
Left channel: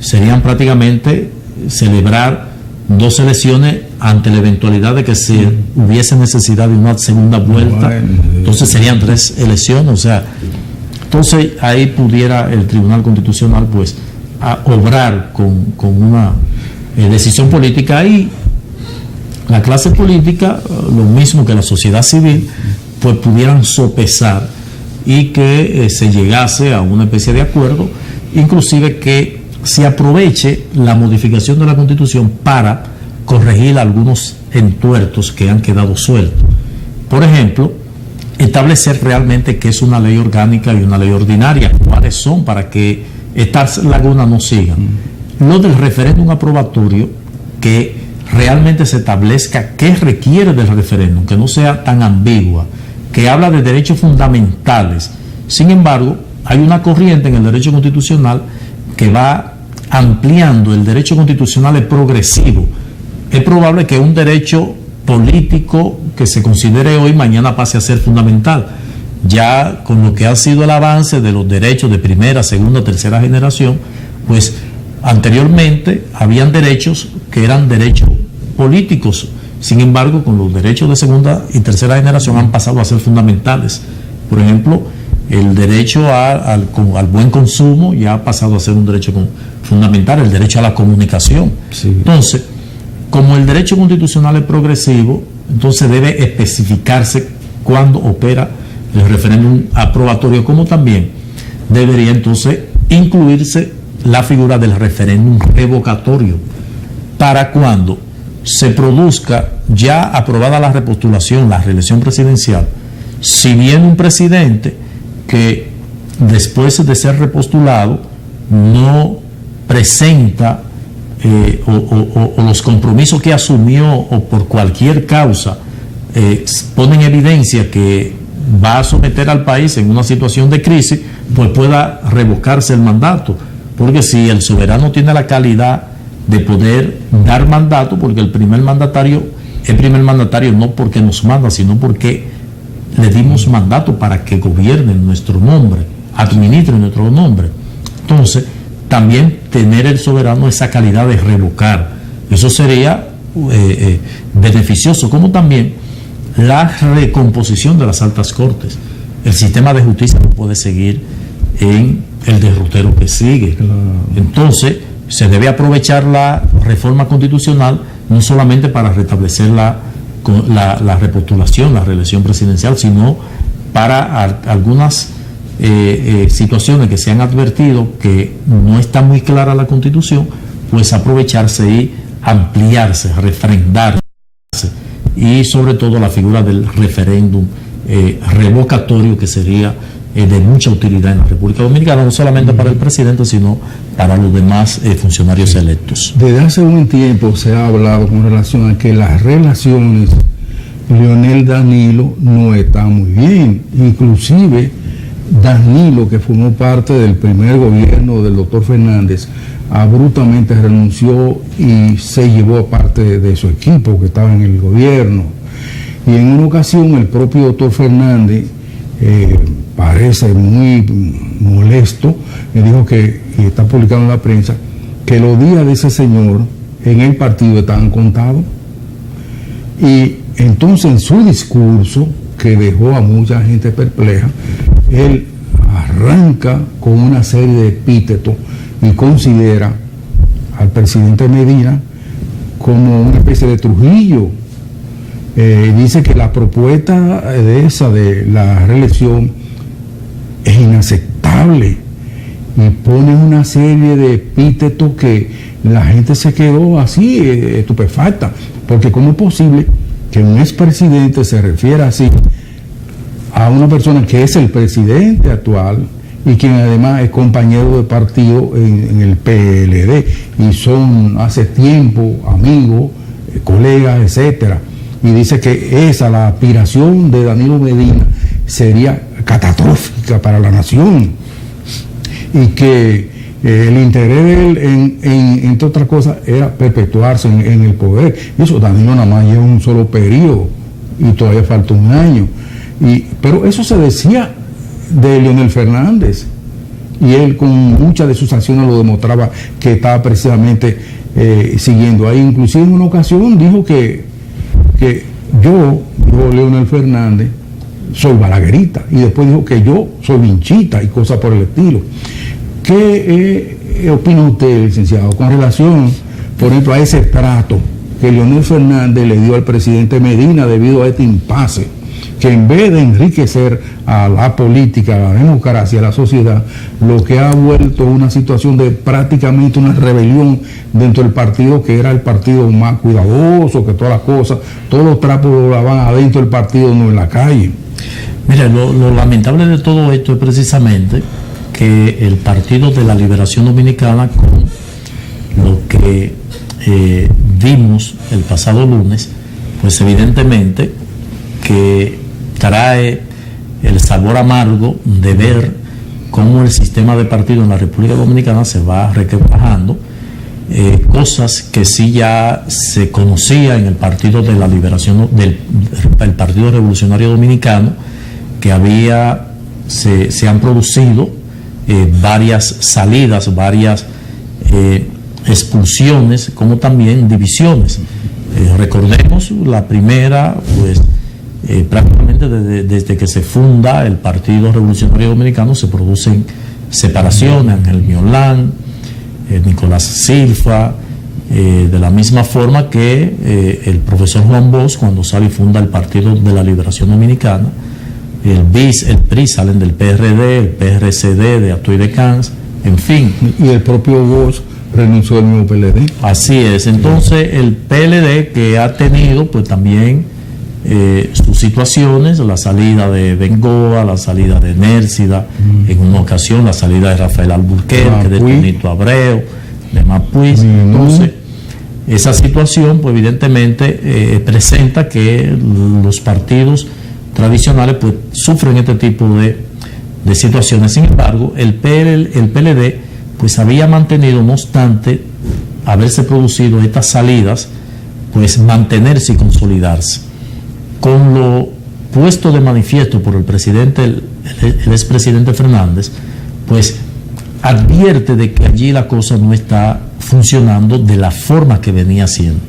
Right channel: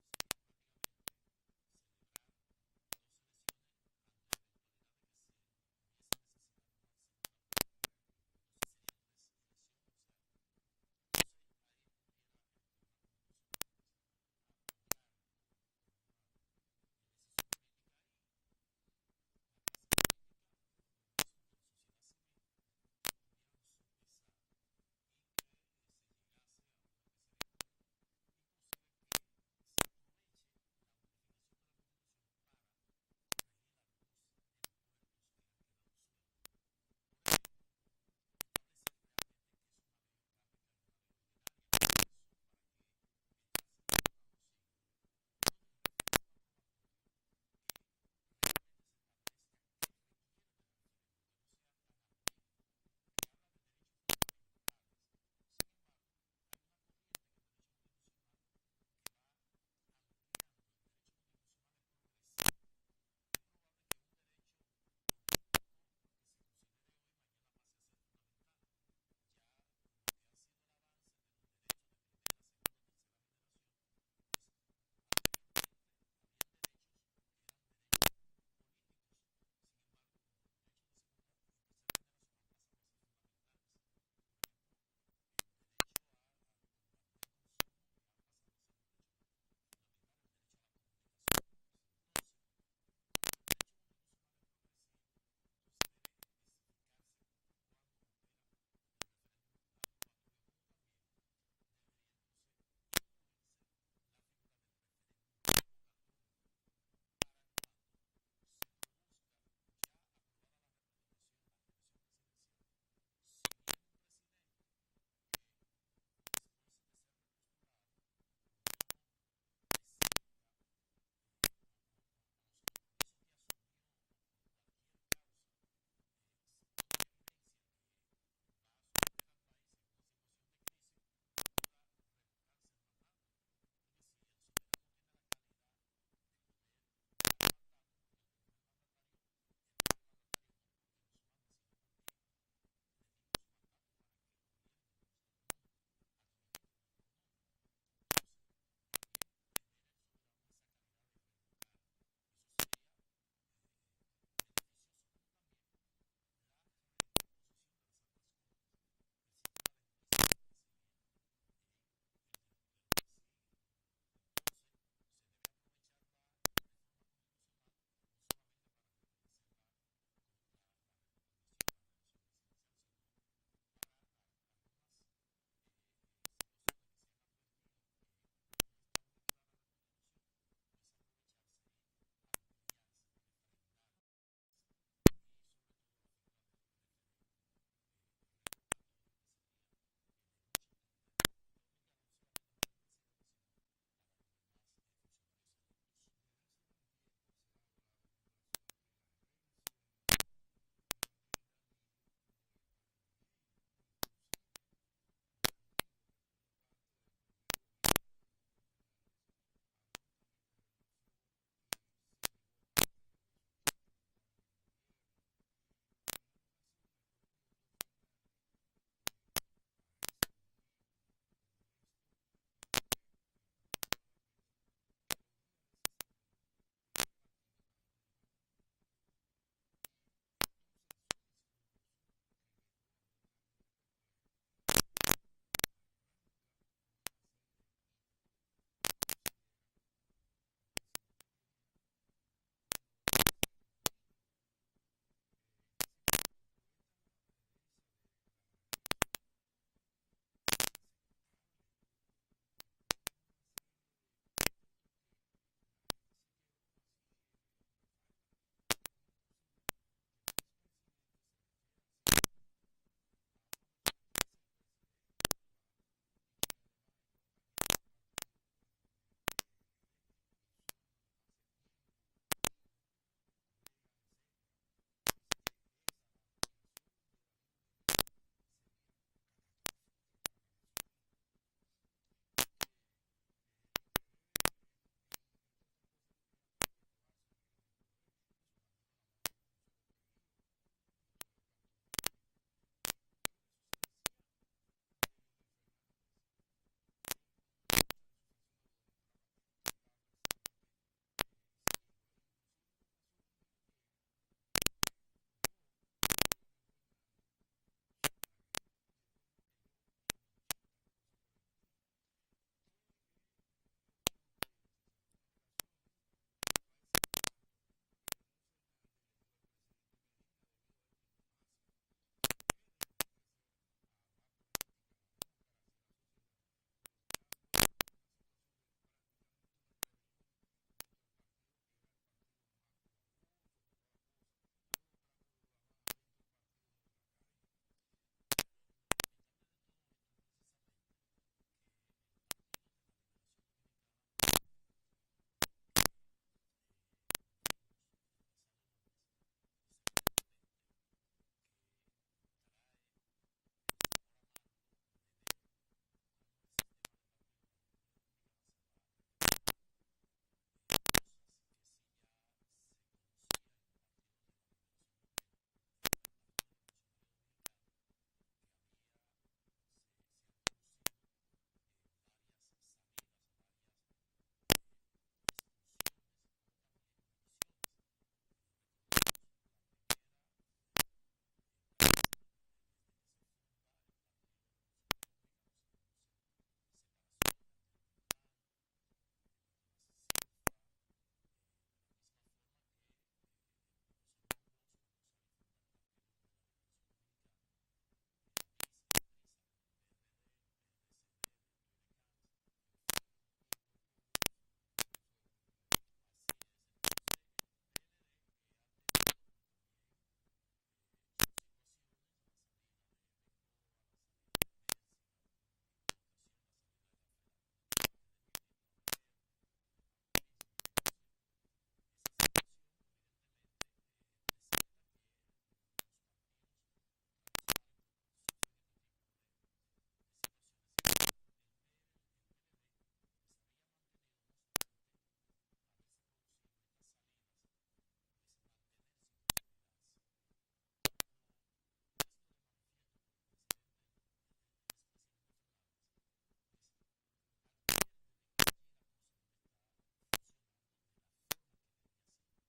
Serían prácticamente celebrar 2 elecciones ante la eventualidad de que se hubiese necesidad de una segunda vuelta. Entonces serían 3 elecciones, o sea, entonces ahí pudiera el Tribunal Constitucional pues a obrar con una decisión política, y la clase política, lo mismo que la sociedad civil, pues pudieran sopesar y que se llegase a una especie de acuerdo, inclusive que se aproveche la modificación de la Constitución para corregir algunos entuertos que han quedado sueltos. Por ejemplo, establecer realmente qué es una ley orgánica y una ley ordinaria, cuáles son, para que estas lagunas no sigan. Lo del referéndum aprobatorio, que realmente se establezca qué requiere del referéndum, que no sea tan ambigua, que habla de derechos fundamentales. Sin embargo, hay una corriente en el derecho constitucional que va ampliando el derecho constitucional, es progresivo. Es probable que un derecho político que se considere hoy, mañana pase a ser fundamental. Ya con lo que ha sido el avance de los derechos de primera, segunda, tercera generación, pues anteriormente habían derechos que eran derechos políticos. Sin embargo, con los derechos de segunda y tercera generación han pasado a ser fundamentales. Por ejemplo, el derecho al buen consumo ya ha pasado a ser un derecho fundamental, el derecho a la comunicación. Sí. Entonces, como el derecho constitucional es progresivo, entonces debe especificarse cuándo opera el referéndum aprobatorio, como también debería entonces incluirse la figura del referéndum revocatorio, para cuando se produzca ya aprobada la repostulación, la reelección presidencial, si viene un presidente que después de ser repostulado no presenta o los compromisos que asumió, o por cualquier causa pone en evidencia que va a someter al país en una situación de crisis, pues pueda revocarse el mandato. Porque si el soberano tiene la calidad de poder dar mandato, porque el primer mandatario es primer mandatario no porque nos manda, sino porque le dimos mandato para que gobierne en nuestro nombre, administre en nuestro nombre. Entonces, también tener el soberano esa calidad de revocar, eso sería beneficioso, como también la recomposición de las altas cortes. El sistema de justicia no puede seguir en el derrotero que sigue. Entonces, se debe aprovechar la reforma constitucional no solamente para restablecer la repostulación, la reelección presidencial, sino para algunas situaciones que se han advertido que no está muy clara la Constitución, pues aprovecharse y ampliarse, refrendarse, y sobre todo la figura del referéndum revocatorio, que sería de mucha utilidad en la República Dominicana, no solamente para el presidente, sino para los demás funcionarios electos. Desde hace un tiempo se ha hablado con relación a que las relaciones Leonel-Danilo no están muy bien. Inclusive Danilo, que formó parte del primer gobierno del doctor Fernández, abruptamente renunció y se llevó a parte de su equipo que estaba en el gobierno. Y en una ocasión el propio doctor Fernández, parece muy molesto, me dijo que, y está publicado en la prensa, que los días de ese señor en el partido estaban contados. Y entonces en su discurso, que dejó a mucha gente perpleja, él arranca con una serie de epítetos y considera al presidente Medina como una especie de Trujillo. Dice que la propuesta de la reelección es inaceptable y pone una serie de epítetos que la gente se quedó así estupefacta, porque ¿cómo es posible que un expresidente se refiera así a una persona que es el presidente actual y quien además es compañero de partido en el PLD y son hace tiempo amigos, colegas, etcétera? Y dice que la aspiración de Danilo Medina sería catastrófica para la nación y que el interés de él, entre otras cosas, era perpetuarse en el poder. Y eso Danilo nada más lleva un solo periodo y todavía falta un año. Pero eso se decía de Leonel Fernández, y él con muchas de sus acciones lo demostraba que estaba precisamente siguiendo ahí. Inclusive en una ocasión dijo que yo, Leonel Fernández, soy balaguerita, y después dijo que yo soy vinchita y cosas por el estilo. ¿Qué opina usted, licenciado, con relación, por ejemplo, a ese trato que Leonel Fernández le dio al presidente Medina debido a este impasse, que en vez de enriquecer a la política, a la democracia, a la sociedad, lo que ha vuelto una situación de prácticamente una rebelión dentro del partido, que era el partido más cuidadoso, que todas las cosas, todos los trapos lo lavaban adentro del partido, no en la calle? Mira, lo lamentable de todo esto es precisamente que el Partido de la Liberación Dominicana, con lo que vimos el pasado lunes, pues evidentemente que trae el sabor amargo de ver cómo el sistema de partido en la República Dominicana se va requebrajando, cosas que sí ya se conocía en el Partido de la Liberación el Partido Revolucionario Dominicano, que se han producido varias salidas, varias expulsiones, como también divisiones. Recordemos la primera, pues prácticamente desde que se funda el Partido Revolucionario Dominicano se producen separaciones, Ángel Miolán, Nicolás Silva, de la misma forma que el profesor Juan Bosch, cuando sale y funda el Partido de la Liberación Dominicana, el BIS, el PRI salen del PRD, el PRCD de Atoy de Cans, en fin. Y el propio Bosch renunció al mismo PLD. Así es. Entonces el PLD, que ha tenido pues también sus situaciones, la salida de Bengoa, la salida de Nércida, en una ocasión la salida de Rafael Alburquerque, de Tonito Abreu, de Mapuí. Entonces esa situación pues evidentemente presenta que los partidos tradicionales pues sufren este tipo de situaciones. Sin embargo, el PLD pues había mantenido, no obstante haberse producido estas salidas, pues mantenerse y consolidarse. Con lo puesto de manifiesto por el presidente, el expresidente Fernández, pues advierte de que allí la cosa no está funcionando de la forma que venía siendo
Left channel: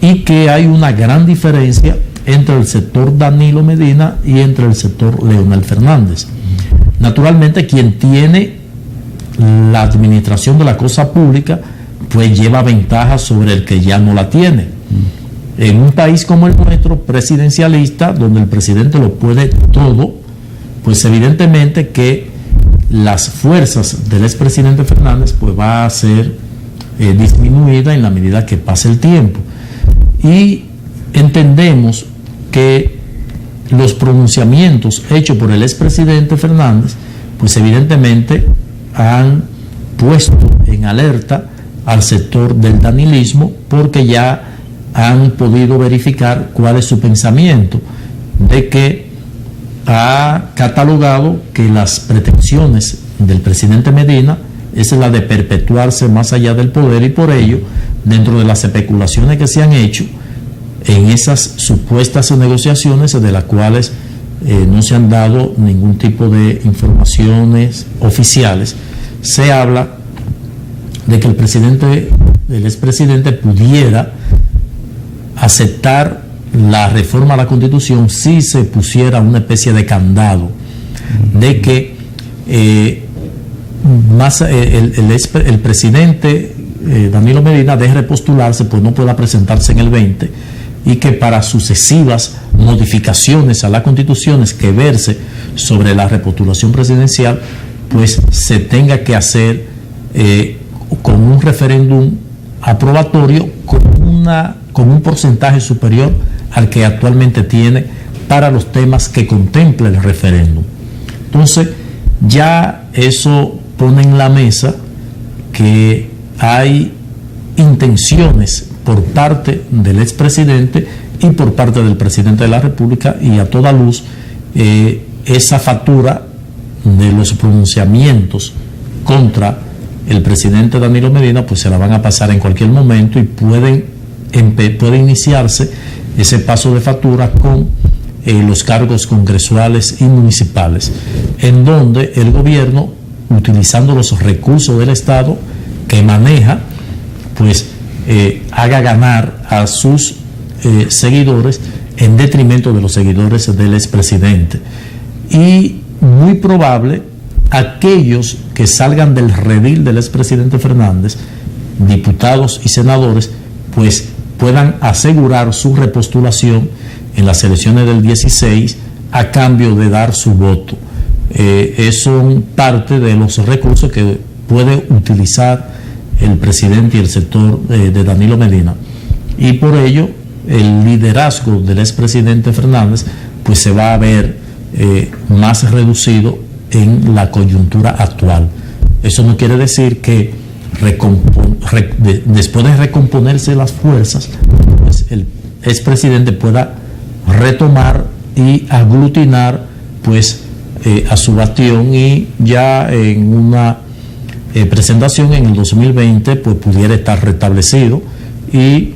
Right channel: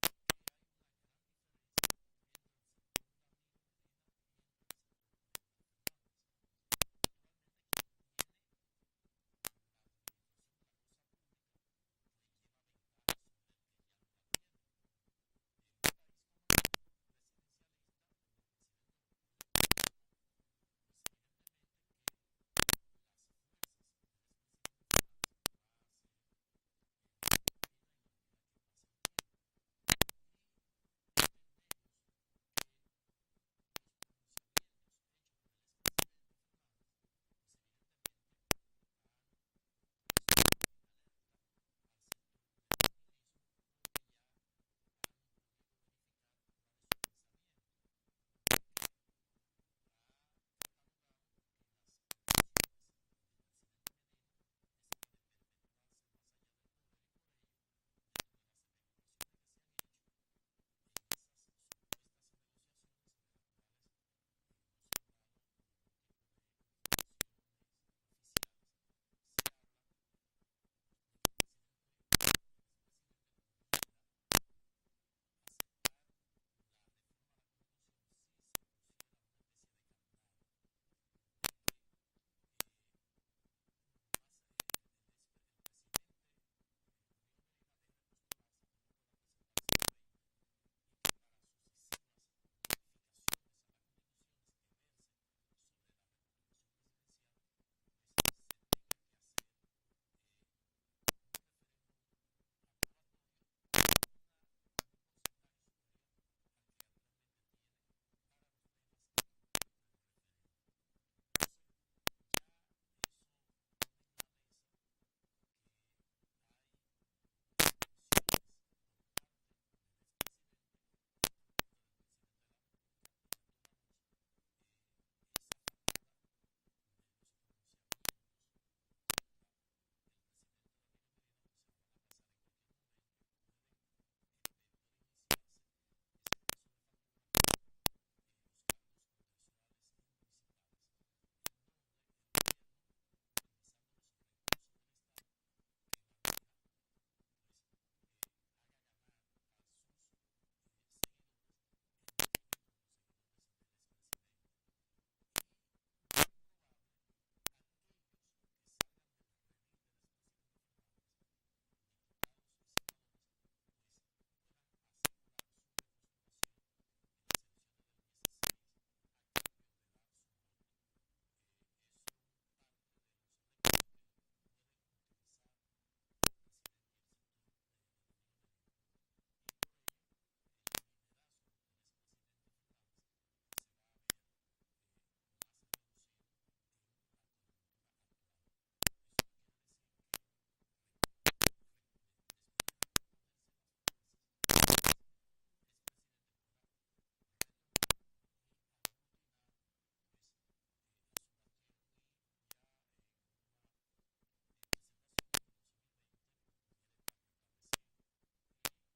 y que hay una gran diferencia entre el sector Danilo Medina y entre el sector Leonel Fernández. Naturalmente, quien tiene la administración de la cosa pública pues lleva ventaja sobre el que ya no la tiene. En un país como el nuestro, presidencialista, donde el presidente lo puede todo, pues evidentemente que las fuerzas del expresidente Fernández pues va a ser disminuida en la medida que pase el tiempo. Y entendemos que los pronunciamientos hechos por el expresidente Fernández pues evidentemente han puesto en alerta al sector del danilismo, porque ya han podido verificar cuál es su pensamiento, de que ha catalogado que las pretensiones del presidente Medina es la de perpetuarse más allá del poder, y por ello, dentro de las especulaciones que se han hecho en esas supuestas negociaciones, de las cuales no se han dado ningún tipo de informaciones oficiales, se habla de que el expresidente pudiera aceptar la reforma a la Constitución si se pusiera una especie de candado, de que el presidente Danilo Medina deje de postularse, pues no pueda presentarse en el 20, y que para sucesivas modificaciones a las constituciones que verse sobre la repostulación presidencial, pues se tenga que hacer con un referéndum aprobatorio con un porcentaje superior al que actualmente tiene para los temas que contempla el referéndum. Entonces, ya eso pone en la mesa que hay intenciones por parte del expresidente y por parte del presidente de la República, y a toda luz esa factura de los pronunciamientos contra el presidente Danilo Medina pues se la van a pasar en cualquier momento, y puede iniciarse ese paso de factura con los cargos congresuales y municipales, en donde el gobierno, utilizando los recursos del Estado que maneja, pues haga ganar a sus seguidores en detrimento de los seguidores del expresidente. Y muy probable aquellos que salgan del redil del expresidente Fernández, diputados y senadores, pues puedan asegurar su repostulación en las elecciones del 16 a cambio de dar su voto. Son parte de los recursos que puede utilizar el presidente y el sector de Danilo Medina, y por ello el liderazgo del expresidente Fernández pues se va a ver más reducido en la coyuntura actual. Eso no quiere decir que después de recomponerse las fuerzas, pues el expresidente pueda retomar y aglutinar pues a su bastión, y ya en una presentación en el 2020 pues pudiera estar restablecido, y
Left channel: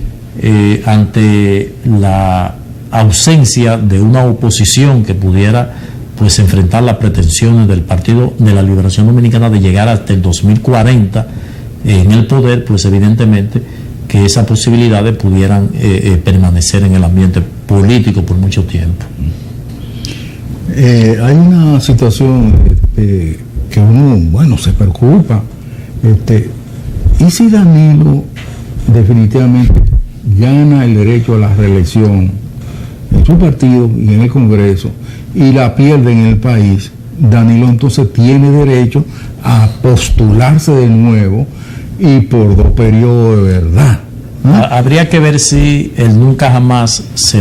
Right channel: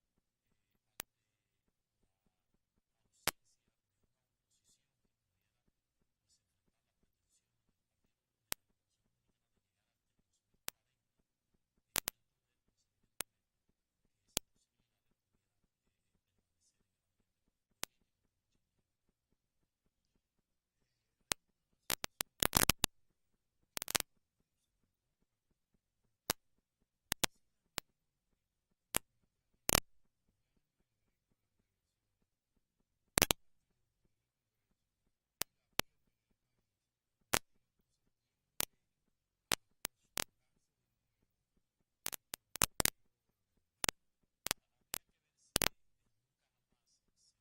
ante la ausencia de una oposición que pudiera pues enfrentar las pretensiones del Partido de la Liberación Dominicana de llegar hasta el 2040 en el poder, pues evidentemente que esas posibilidades pudieran permanecer en el ambiente político por mucho tiempo. Hay una situación que uno, se preocupa. ¿Y si Danilo definitivamente gana el derecho a la reelección en su partido y en el Congreso, y la pierde en el país? Danilo entonces tiene derecho a postularse de nuevo y por 2 periodos de verdad. Habría que ver si el nunca jamás se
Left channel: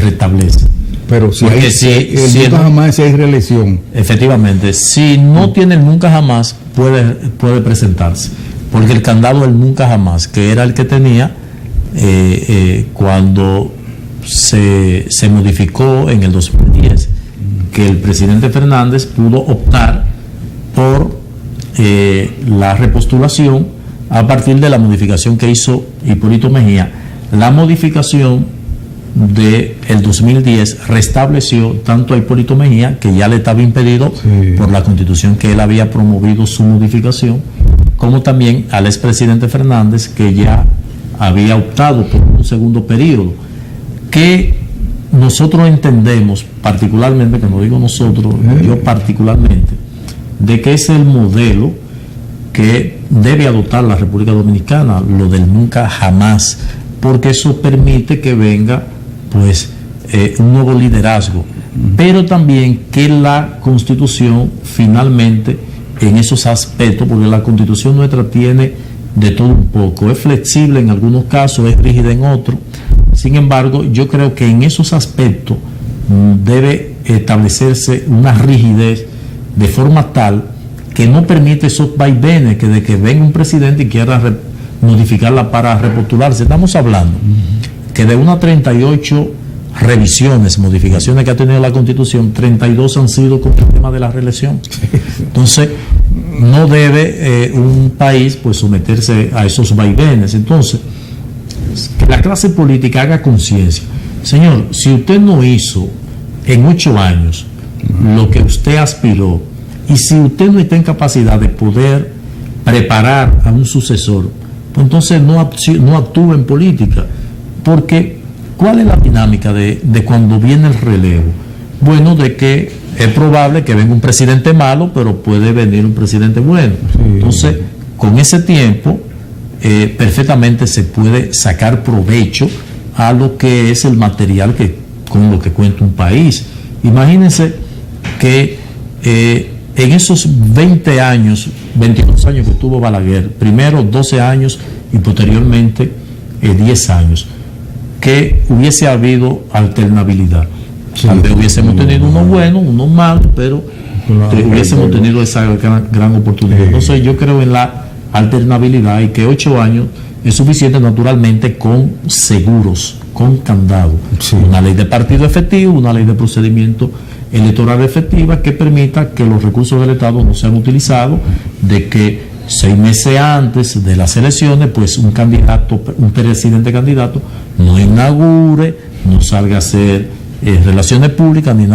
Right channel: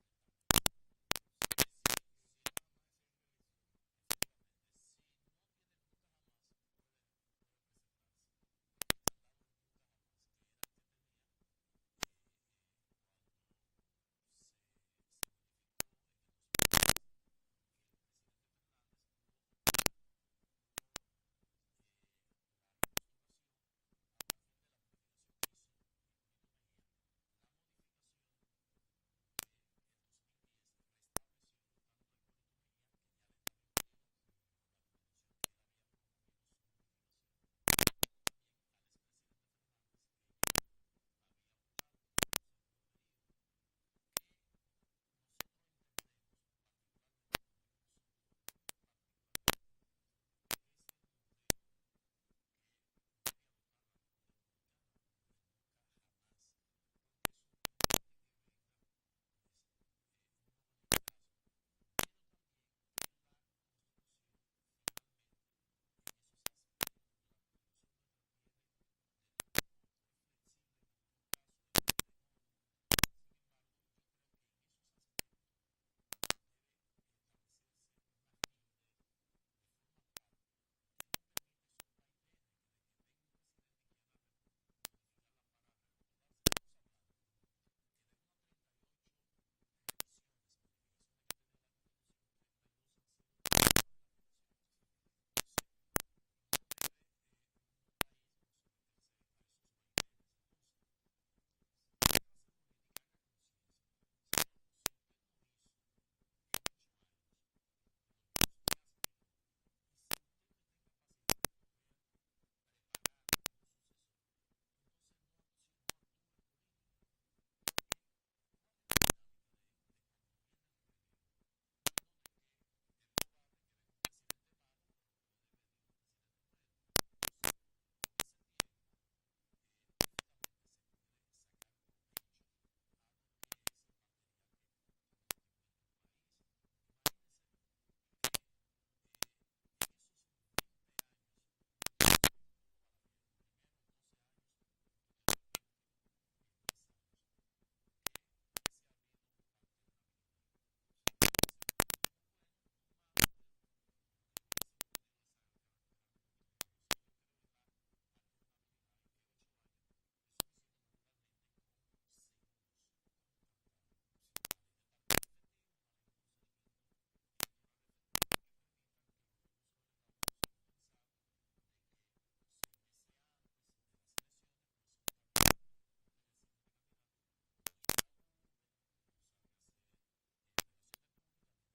restablece. Pero si nunca jamás hay reelección. Efectivamente, si no tiene el nunca jamás, puede presentarse. Porque el candado del nunca jamás, que era el que tenía cuando se modificó en el 2010, que el presidente Fernández pudo optar por la repostulación a partir de la modificación que hizo Hipólito Mejía. La modificación del 2010 restableció tanto a Hipólito Mejía, que ya le estaba impedido por la Constitución que él había promovido su modificación, como también al expresidente Fernández, que ya había optado por un segundo periodo, que nosotros entendemos particularmente, cuando digo nosotros, yo particularmente, de que es el modelo que debe adoptar la República Dominicana, lo del nunca jamás, porque eso permite que venga pues un nuevo liderazgo, pero también que la Constitución finalmente en esos aspectos, porque la Constitución nuestra tiene de todo un poco, es flexible en algunos casos, es rígida en otros. Sin embargo, yo creo que en esos aspectos debe establecerse una rigidez de forma tal que no permite esos vaivenes, que de que venga un presidente y quiera modificarla para repostularse. Estamos hablando que de unas 38 revisiones, modificaciones que ha tenido la Constitución, 32 han sido con el tema de la reelección. Entonces, no debe un país pues someterse a esos vaivenes. Entonces, que la clase política haga conciencia. Señor, si usted no hizo en 8 años lo que usted aspiró, y si usted no está en capacidad de poder preparar a un sucesor, pues entonces no actúe en política. Porque, ¿cuál es la dinámica de cuando viene el relevo? Bueno, de que es probable que venga un presidente malo, pero puede venir un presidente bueno. Entonces, con ese tiempo, perfectamente se puede sacar provecho a lo que es el material con lo que cuenta un país. Imagínense que en esos 20 años, 22 años que estuvo Balaguer, primero 12 años y posteriormente 10 años, que hubiese habido alternabilidad. Antes hubiésemos tenido uno bueno, uno malo, pero hubiésemos tenido esa gran oportunidad. Entonces yo creo en la alternabilidad y que 8 años es suficiente, naturalmente, con seguros, con candado. Una ley de partido efectivo, una ley de procedimiento electoral efectiva que permita que los recursos del Estado no sean utilizados, de que 6 meses antes de las elecciones, pues un presidente candidato no inaugure, no salga a hacer relaciones públicas ni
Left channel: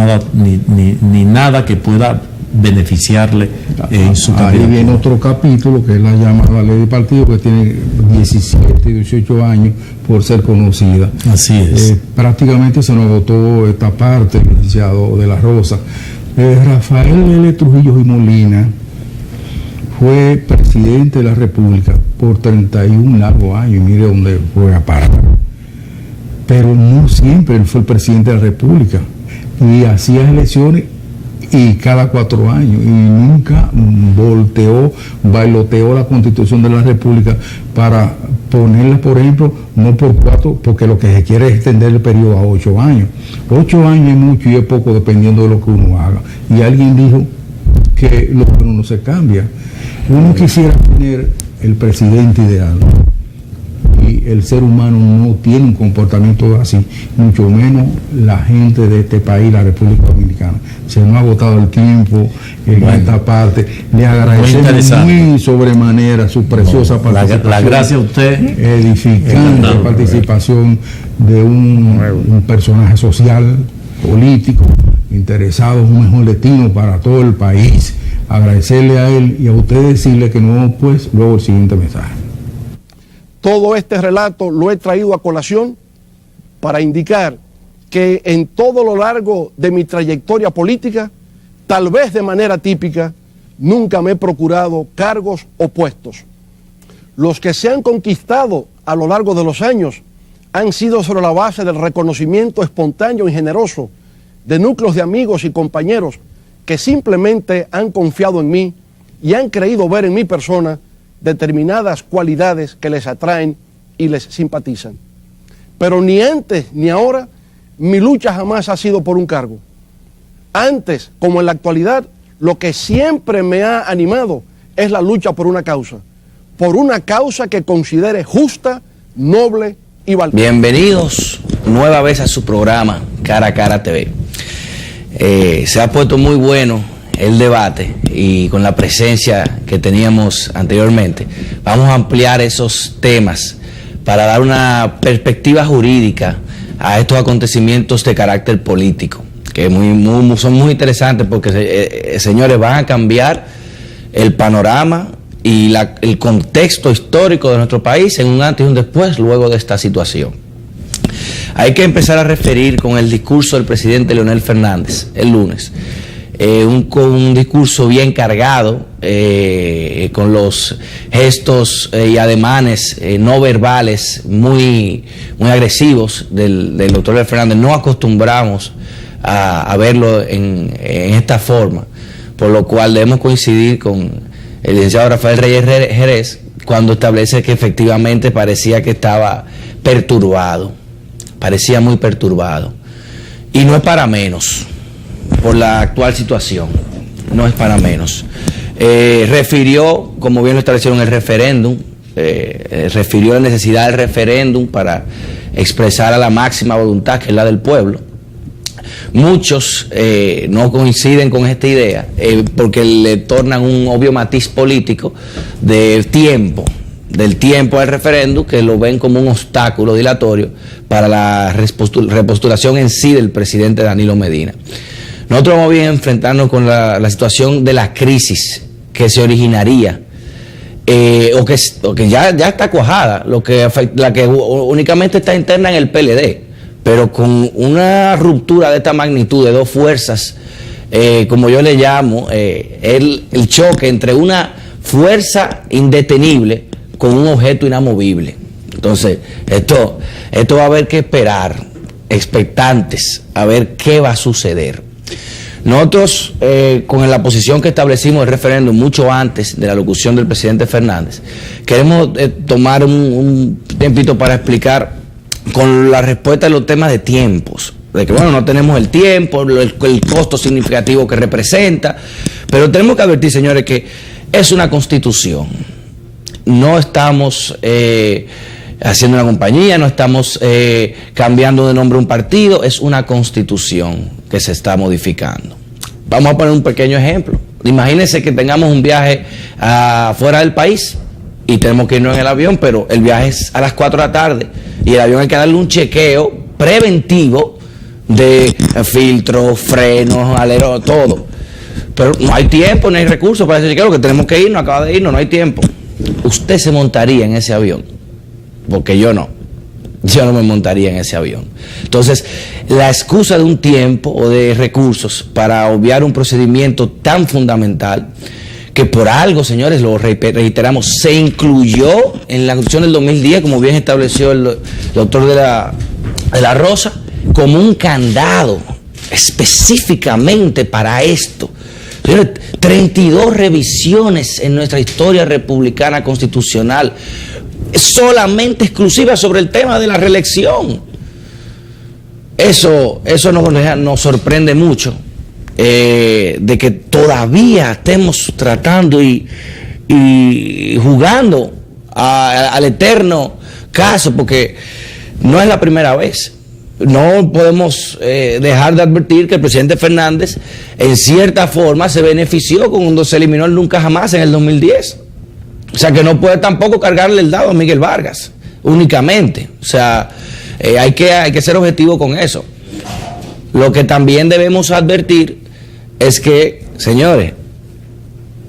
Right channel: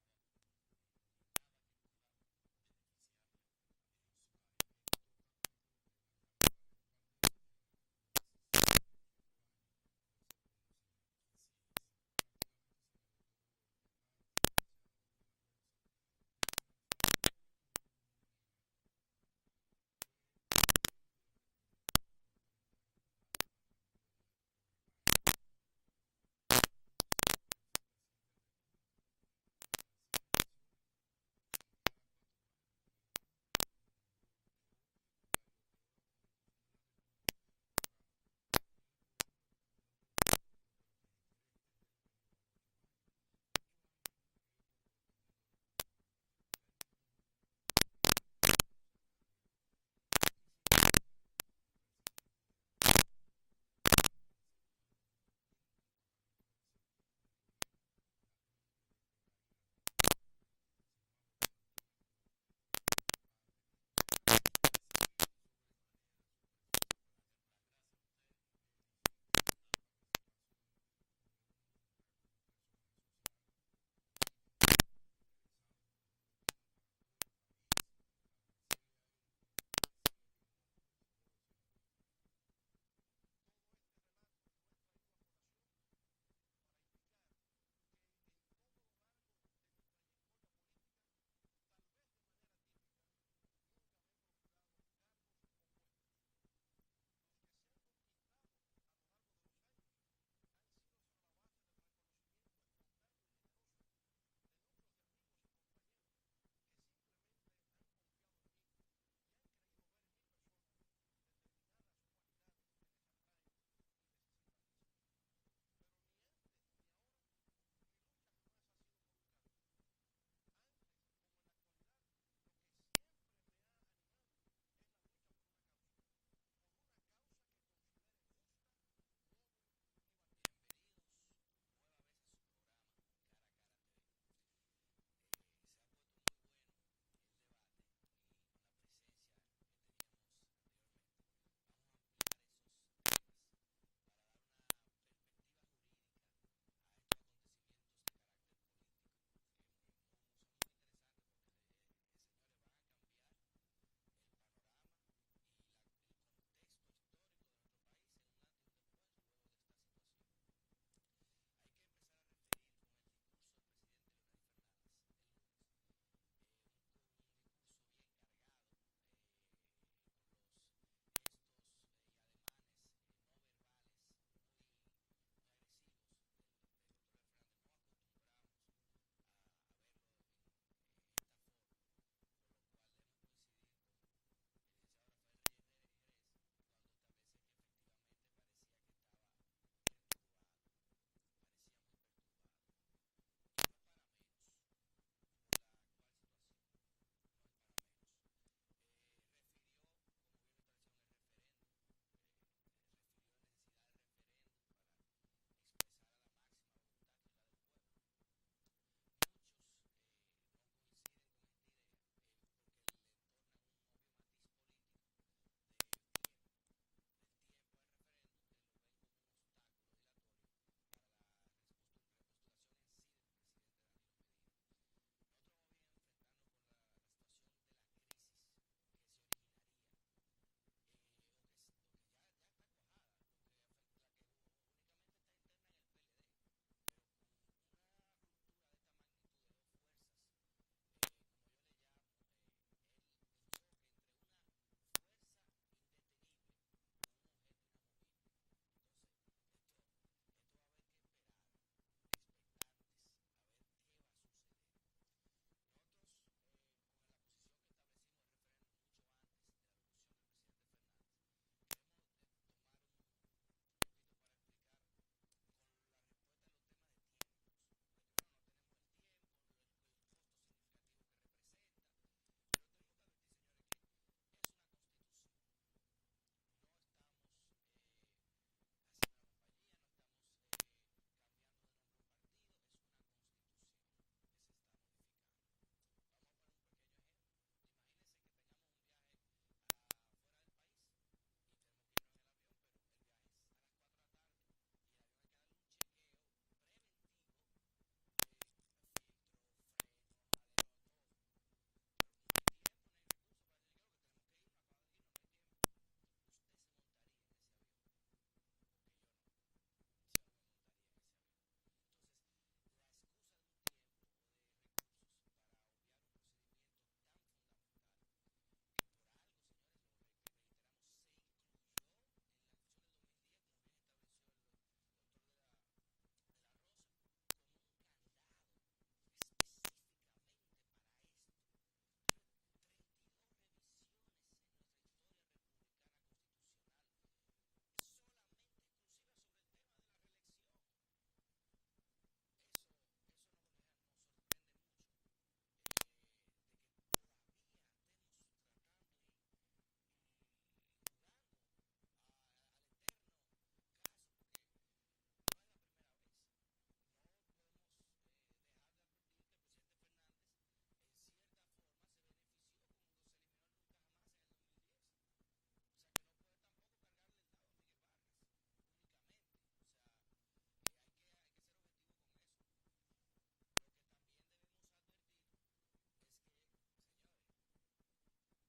nada que pueda beneficiarle en su candidatura. Ahí viene otro capítulo que es la llamada ley de partido, que tiene 17 y 18 años por ser conocida. Así es. Prácticamente se nos agotó esta parte, el licenciado de la Rosa. Rafael L. Trujillo y Molina fue presidente de la República por 31 largos años, y mire dónde fue a parar. Pero no siempre él fue el presidente de la República, y hacía elecciones y cada 4 años, y nunca bailoteó la Constitución de la República para ponerla, por ejemplo, no por 4, porque lo que se quiere es extender el periodo a 8 años. 8 años es mucho y es poco dependiendo de lo que uno haga. Y alguien dijo que lo bueno no se cambia. Uno quisiera tener el presidente ideal, y el ser humano no tiene un comportamiento así, mucho menos la gente de este país, la República Dominicana. Se nos ha agotado el tiempo en esta parte. Le agradecemos muy sobremanera su preciosa participación. La gracias a usted. Edificante participación de un personaje social, político, interesado en un mejor destino para todo el país. Agradecerle a él y a usted decirle que no, pues luego el siguiente mensaje. Todo este relato lo he traído a colación para indicar que en todo lo largo de mi trayectoria política, tal vez de manera típica, nunca me he procurado cargos o puestos. Los que se han conquistado a lo largo de los años han sido sobre la base del reconocimiento espontáneo y generoso de núcleos de amigos y compañeros que simplemente han confiado en mí y han creído ver en mi persona determinadas cualidades que les atraen y les simpatizan. Pero ni antes ni ahora mi lucha jamás ha sido por un cargo. Antes, como en la actualidad, lo que siempre me ha animado es la lucha por una causa que considere justa, noble y valiente. Bienvenidos nueva vez a su programa Cara a Cara TV. Se ha puesto muy bueno el debate, y con la presencia que teníamos anteriormente vamos a ampliar esos temas para dar una perspectiva jurídica a estos acontecimientos de carácter político, que son muy interesantes porque, señores, van a cambiar el panorama y el contexto histórico de nuestro país en un antes y un después luego de esta situación. Hay que empezar a referir con el discurso del presidente Leonel Fernández el lunes. Un discurso bien cargado, con los gestos y ademanes no verbales muy agresivos del doctor Leonel Fernández. No acostumbramos a verlo en esta forma, por lo cual debemos coincidir con el licenciado Rafael Reyes Jerez cuando establece que efectivamente parecía que estaba perturbado, parecía muy perturbado. Y no es para menos, por la actual situación, no es para menos. Refirió, como bien lo establecieron, el referéndum, refirió la necesidad del referéndum para expresar a la máxima voluntad, que es la del pueblo. Muchos no coinciden con esta idea porque le tornan un obvio matiz político del tiempo al referéndum, que lo ven como un obstáculo dilatorio para la repostulación en sí del presidente Danilo Medina. Nosotros vamos bien a enfrentarnos con la situación de la crisis que se originaría, o que ya está cuajada, la que únicamente está interna en el PLD, pero con una ruptura de esta magnitud de dos fuerzas, como yo le llamo, el choque entre una fuerza indetenible con un objeto inamovible. Entonces, esto va a haber que esperar, expectantes, a ver qué va a suceder. Nosotros, con la posición que establecimos del referéndum mucho antes de la locución del presidente Fernández, queremos tomar un tiempito para explicar con la respuesta de los temas de tiempos, de que bueno, no tenemos el tiempo, el costo significativo que representa, pero tenemos que advertir, señores, que es una constitución. No estamos haciendo una compañía, no estamos cambiando de nombre un partido, es una constitución que se está modificando. Vamos a poner un pequeño ejemplo. Imagínense que tengamos un viaje fuera del país y tenemos que irnos en el avión, pero el viaje es a las 4 de la tarde y el avión hay que darle un chequeo preventivo de filtros, frenos, aleros, todo. Pero no hay tiempo, no hay recursos para ese chequeo, que tenemos que irnos, acaba de irnos, no hay tiempo. Usted se montaría en ese avión, porque yo no me montaría en ese avión. Entonces, la excusa de un tiempo o de recursos para obviar un procedimiento tan fundamental, que por algo, señores, lo reiteramos, se incluyó en la Constitución del 2010, como bien estableció el doctor de la Rosa, como un candado específicamente para esto. Señores, 32 revisiones en nuestra historia republicana constitucional, solamente exclusiva sobre el tema de la reelección. Eso nos sorprende mucho, de que todavía estemos tratando y jugando al eterno caso, porque no es la primera vez. No podemos dejar de advertir que el presidente Fernández en cierta forma se benefició cuando se eliminó el nunca jamás en el 2010. O sea que no puede tampoco cargarle el dado a Miguel Vargas únicamente. O sea, hay que ser objetivo con eso. Lo que también debemos advertir es que, señores,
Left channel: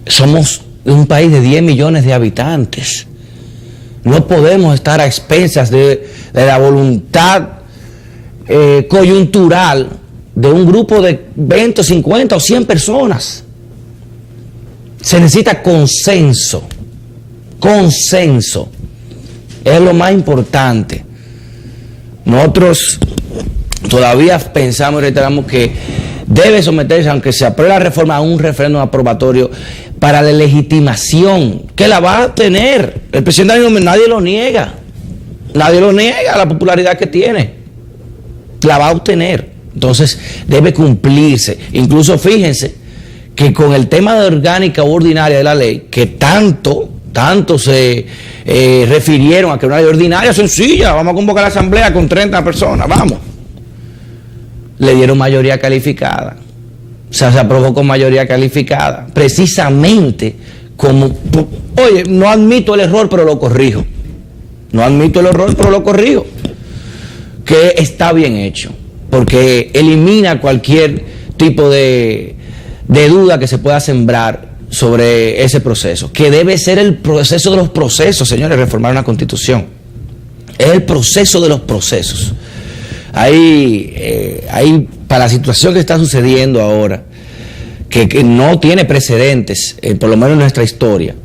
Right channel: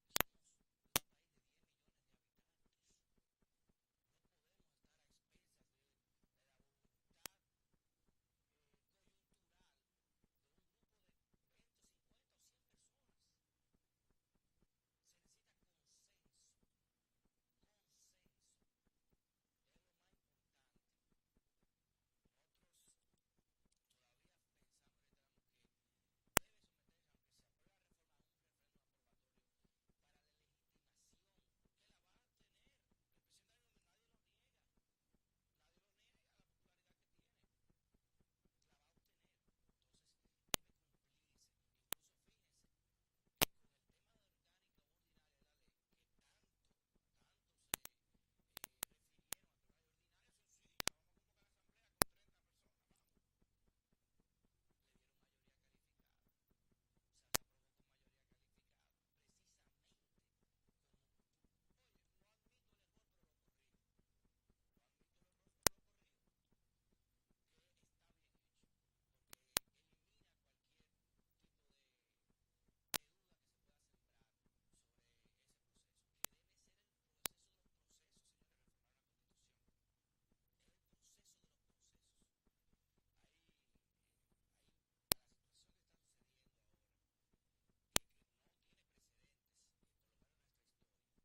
somos un país de 10 millones de habitantes. No podemos estar a expensas de la voluntad coyuntural de un grupo de 20, 50 o 100 personas. Se necesita consenso. Consenso es lo más importante. Nosotros todavía pensamos y reiteramos que debe someterse, aunque se apruebe la reforma, a un referéndum aprobatorio para la legitimación, que la va a tener. El presidente nadie lo niega la popularidad que tiene, la va a obtener. Entonces debe cumplirse. Incluso fíjense que con el tema de orgánica u ordinaria de la ley, que tanto se refirieron a que una ley ordinaria sencilla, vamos a convocar a la asamblea con 30 personas, vamos. Le dieron mayoría calificada. O sea, se aprobó con mayoría calificada. Precisamente como, oye, no admito el error, pero lo corrijo. No admito el error, pero lo corrijo. Que está bien hecho, porque elimina cualquier tipo de duda que se pueda sembrar sobre ese proceso, que debe ser el proceso de los procesos, señores. Reformar una constitución es el proceso de los procesos. Hay para la situación que está sucediendo ahora, que no tiene precedentes, por lo menos en nuestra historia.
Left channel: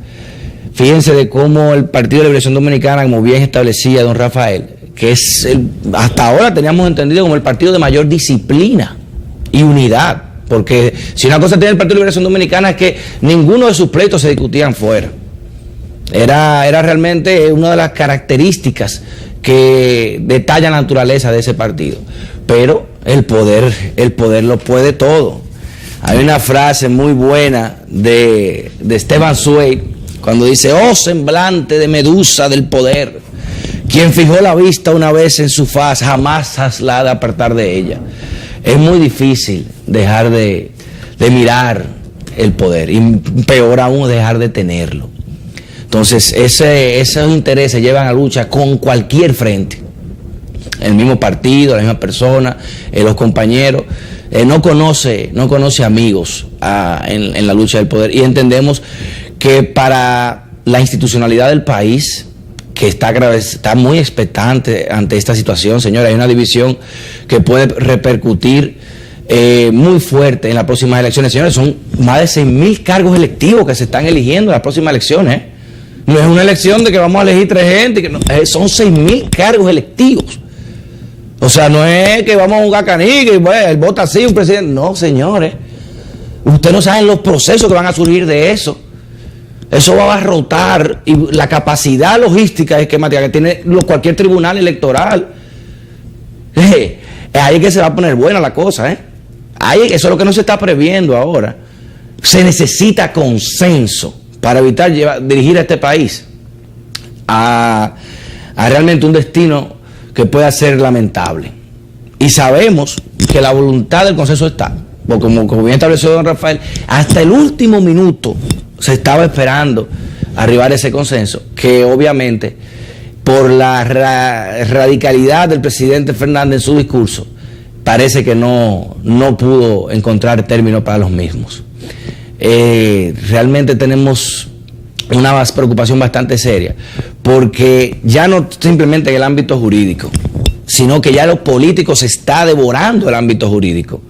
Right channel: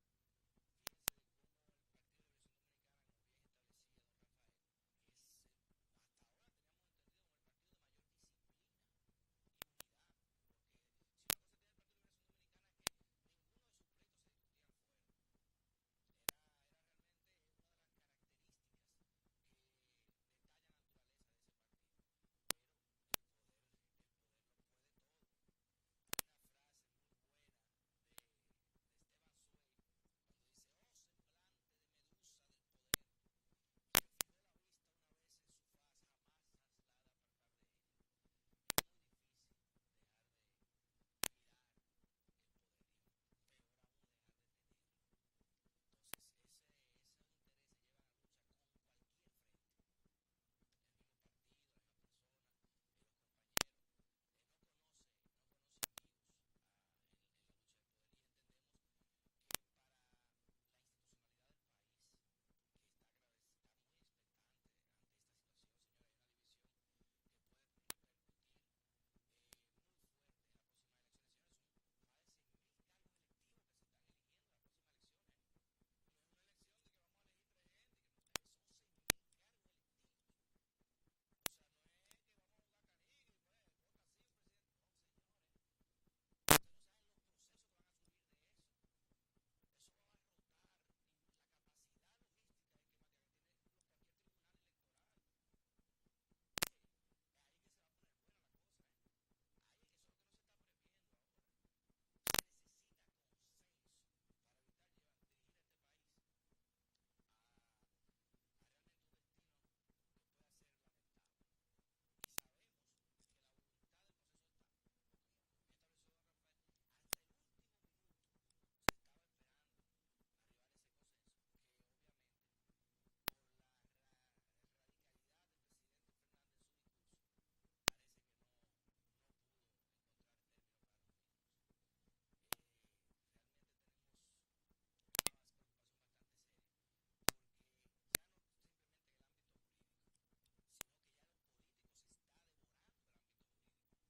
Fíjense de cómo el Partido de Liberación Dominicana, como bien establecía don Rafael, que es hasta ahora teníamos entendido como el partido de mayor disciplina y unidad, porque si una cosa tiene el Partido de Liberación Dominicana es que ninguno de sus pleitos se discutían fuera. Era realmente una de las características que detallan la naturaleza de ese partido. Pero el poder lo puede todo. Hay una frase muy buena de Esteban Zweig, cuando dice: oh semblante de medusa del poder, quien fijó la vista una vez en su faz, jamás la ha de apartar de ella. Es muy difícil dejar de mirar el poder, y peor aún dejar de tenerlo. Entonces esos intereses llevan a lucha con cualquier frente. El mismo partido, la misma persona, los compañeros, no conoce amigos en la lucha del poder, y entendemos que para la institucionalidad del país, que está muy expectante ante esta situación, señores, hay una división que puede repercutir muy fuerte en las próximas elecciones. Señores, son más de 6.000 cargos electivos que se están eligiendo en las próximas elecciones. No es una elección de que vamos a elegir 3 gente, son 6.000 cargos electivos. O sea, no es que vamos a jugar canica y bueno, él vota así, un presidente. No, señores, ustedes no saben los procesos que van a surgir de eso. Eso va a abarrotar, y la capacidad logística esquemática que tiene cualquier tribunal electoral. Ahí es que se va a poner buena la cosa, Eso es lo que no se está previendo ahora. Se necesita consenso para evitar dirigir a este país a realmente un destino que pueda ser lamentable. Y sabemos que la voluntad del consenso está, porque como bien estableció don Rafael, hasta el último minuto se estaba esperando arribar a ese consenso, que obviamente por la radicalidad del presidente Fernández en su discurso, parece que no pudo encontrar término para los mismos. Realmente tenemos una preocupación bastante seria, porque ya no simplemente en el ámbito jurídico, sino que ya lo político se está devorando el ámbito jurídico,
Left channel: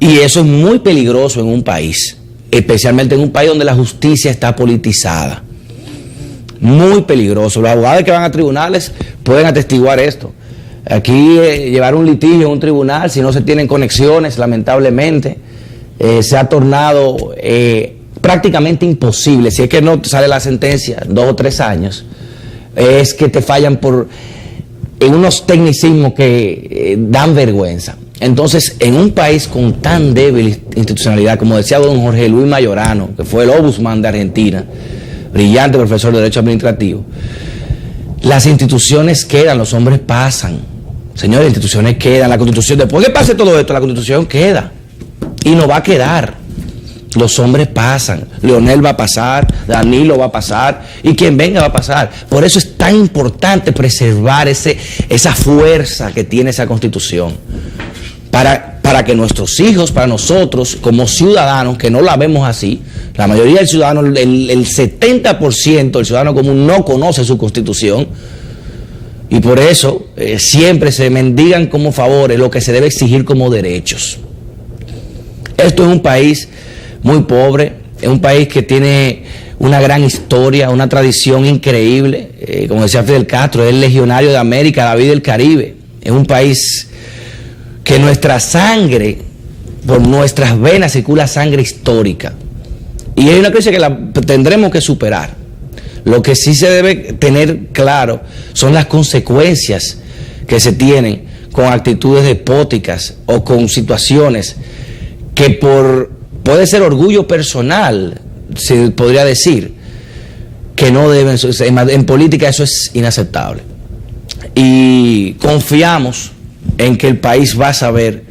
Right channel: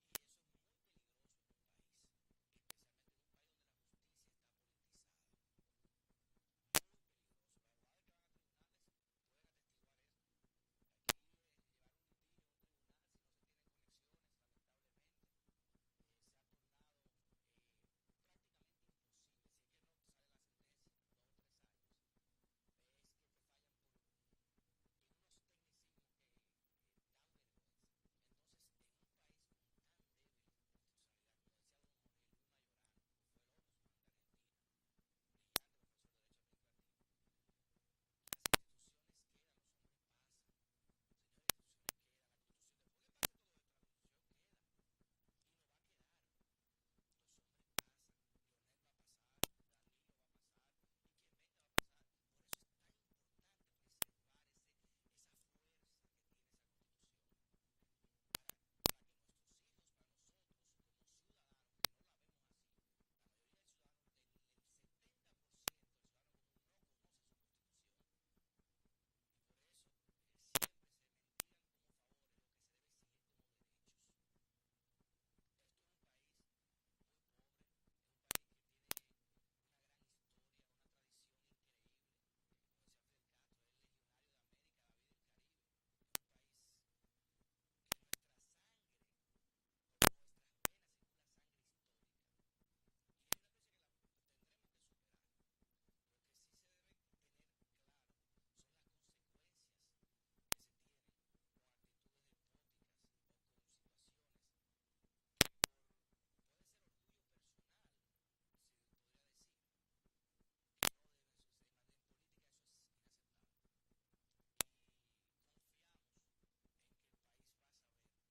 y eso es muy peligroso en un país, especialmente en un país donde la justicia está politizada. Muy peligroso. Los abogados que van a tribunales pueden atestiguar esto. Aquí llevar un litigio en un tribunal, si no se tienen conexiones, lamentablemente, se ha tornado prácticamente imposible. Si es que no sale la sentencia 2 o 3 años, es que te fallan en unos tecnicismos que dan vergüenza. Entonces, en un país con tan débil institucionalidad, como decía don Jorge Luis Mayorano, que fue el ombudsman de Argentina, brillante profesor de Derecho Administrativo, las instituciones quedan, los hombres pasan. Señores, las instituciones quedan, la Constitución, después que pase todo esto, la Constitución queda, y no va a quedar. Los hombres pasan, Leonel va a pasar, Danilo va a pasar, y quien venga va a pasar. Por eso es tan importante preservar esa fuerza que tiene esa Constitución, para que nuestros hijos, para nosotros como ciudadanos, que no la vemos así, la mayoría del ciudadano, el 70% del ciudadano común no conoce su Constitución, y por eso siempre se mendigan como favores lo que se debe exigir como derechos. Esto es un país muy pobre, es un país que tiene una gran historia, una tradición increíble. Como decía Fidel Castro, es el legionario de América, David del Caribe. Es un país que nuestra sangre, por nuestras venas circula sangre histórica. Y hay una crisis que la tendremos que superar. Lo que sí se debe tener claro son las consecuencias que se tienen con actitudes despóticas o con situaciones que puede ser orgullo personal, se podría decir, que no deben, en política eso es inaceptable. Y confiamos en que el país va a saber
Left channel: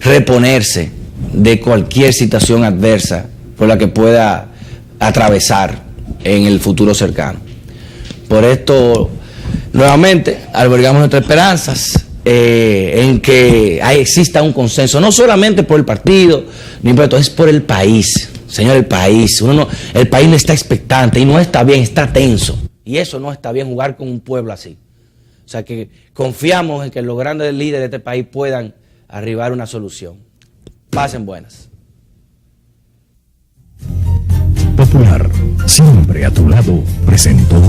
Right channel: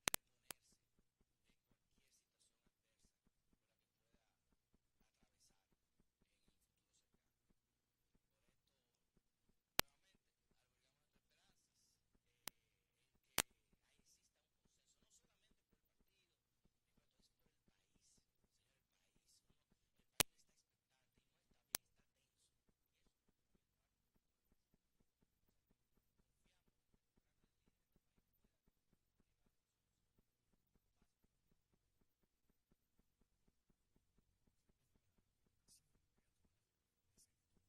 reponerse de cualquier situación adversa por la que pueda atravesar en el futuro cercano. Por esto, nuevamente, albergamos nuestras esperanzas en que exista un consenso, no solamente por el partido, ni por esto, es por el país. Señor, el país. El país no está expectante y no está bien, está tenso. Y eso no está bien, jugar con un pueblo así. O sea que confiamos en que los grandes líderes de este país puedan arribar a una solución. Pasen buenas. Popular, siempre a tu lado, presentó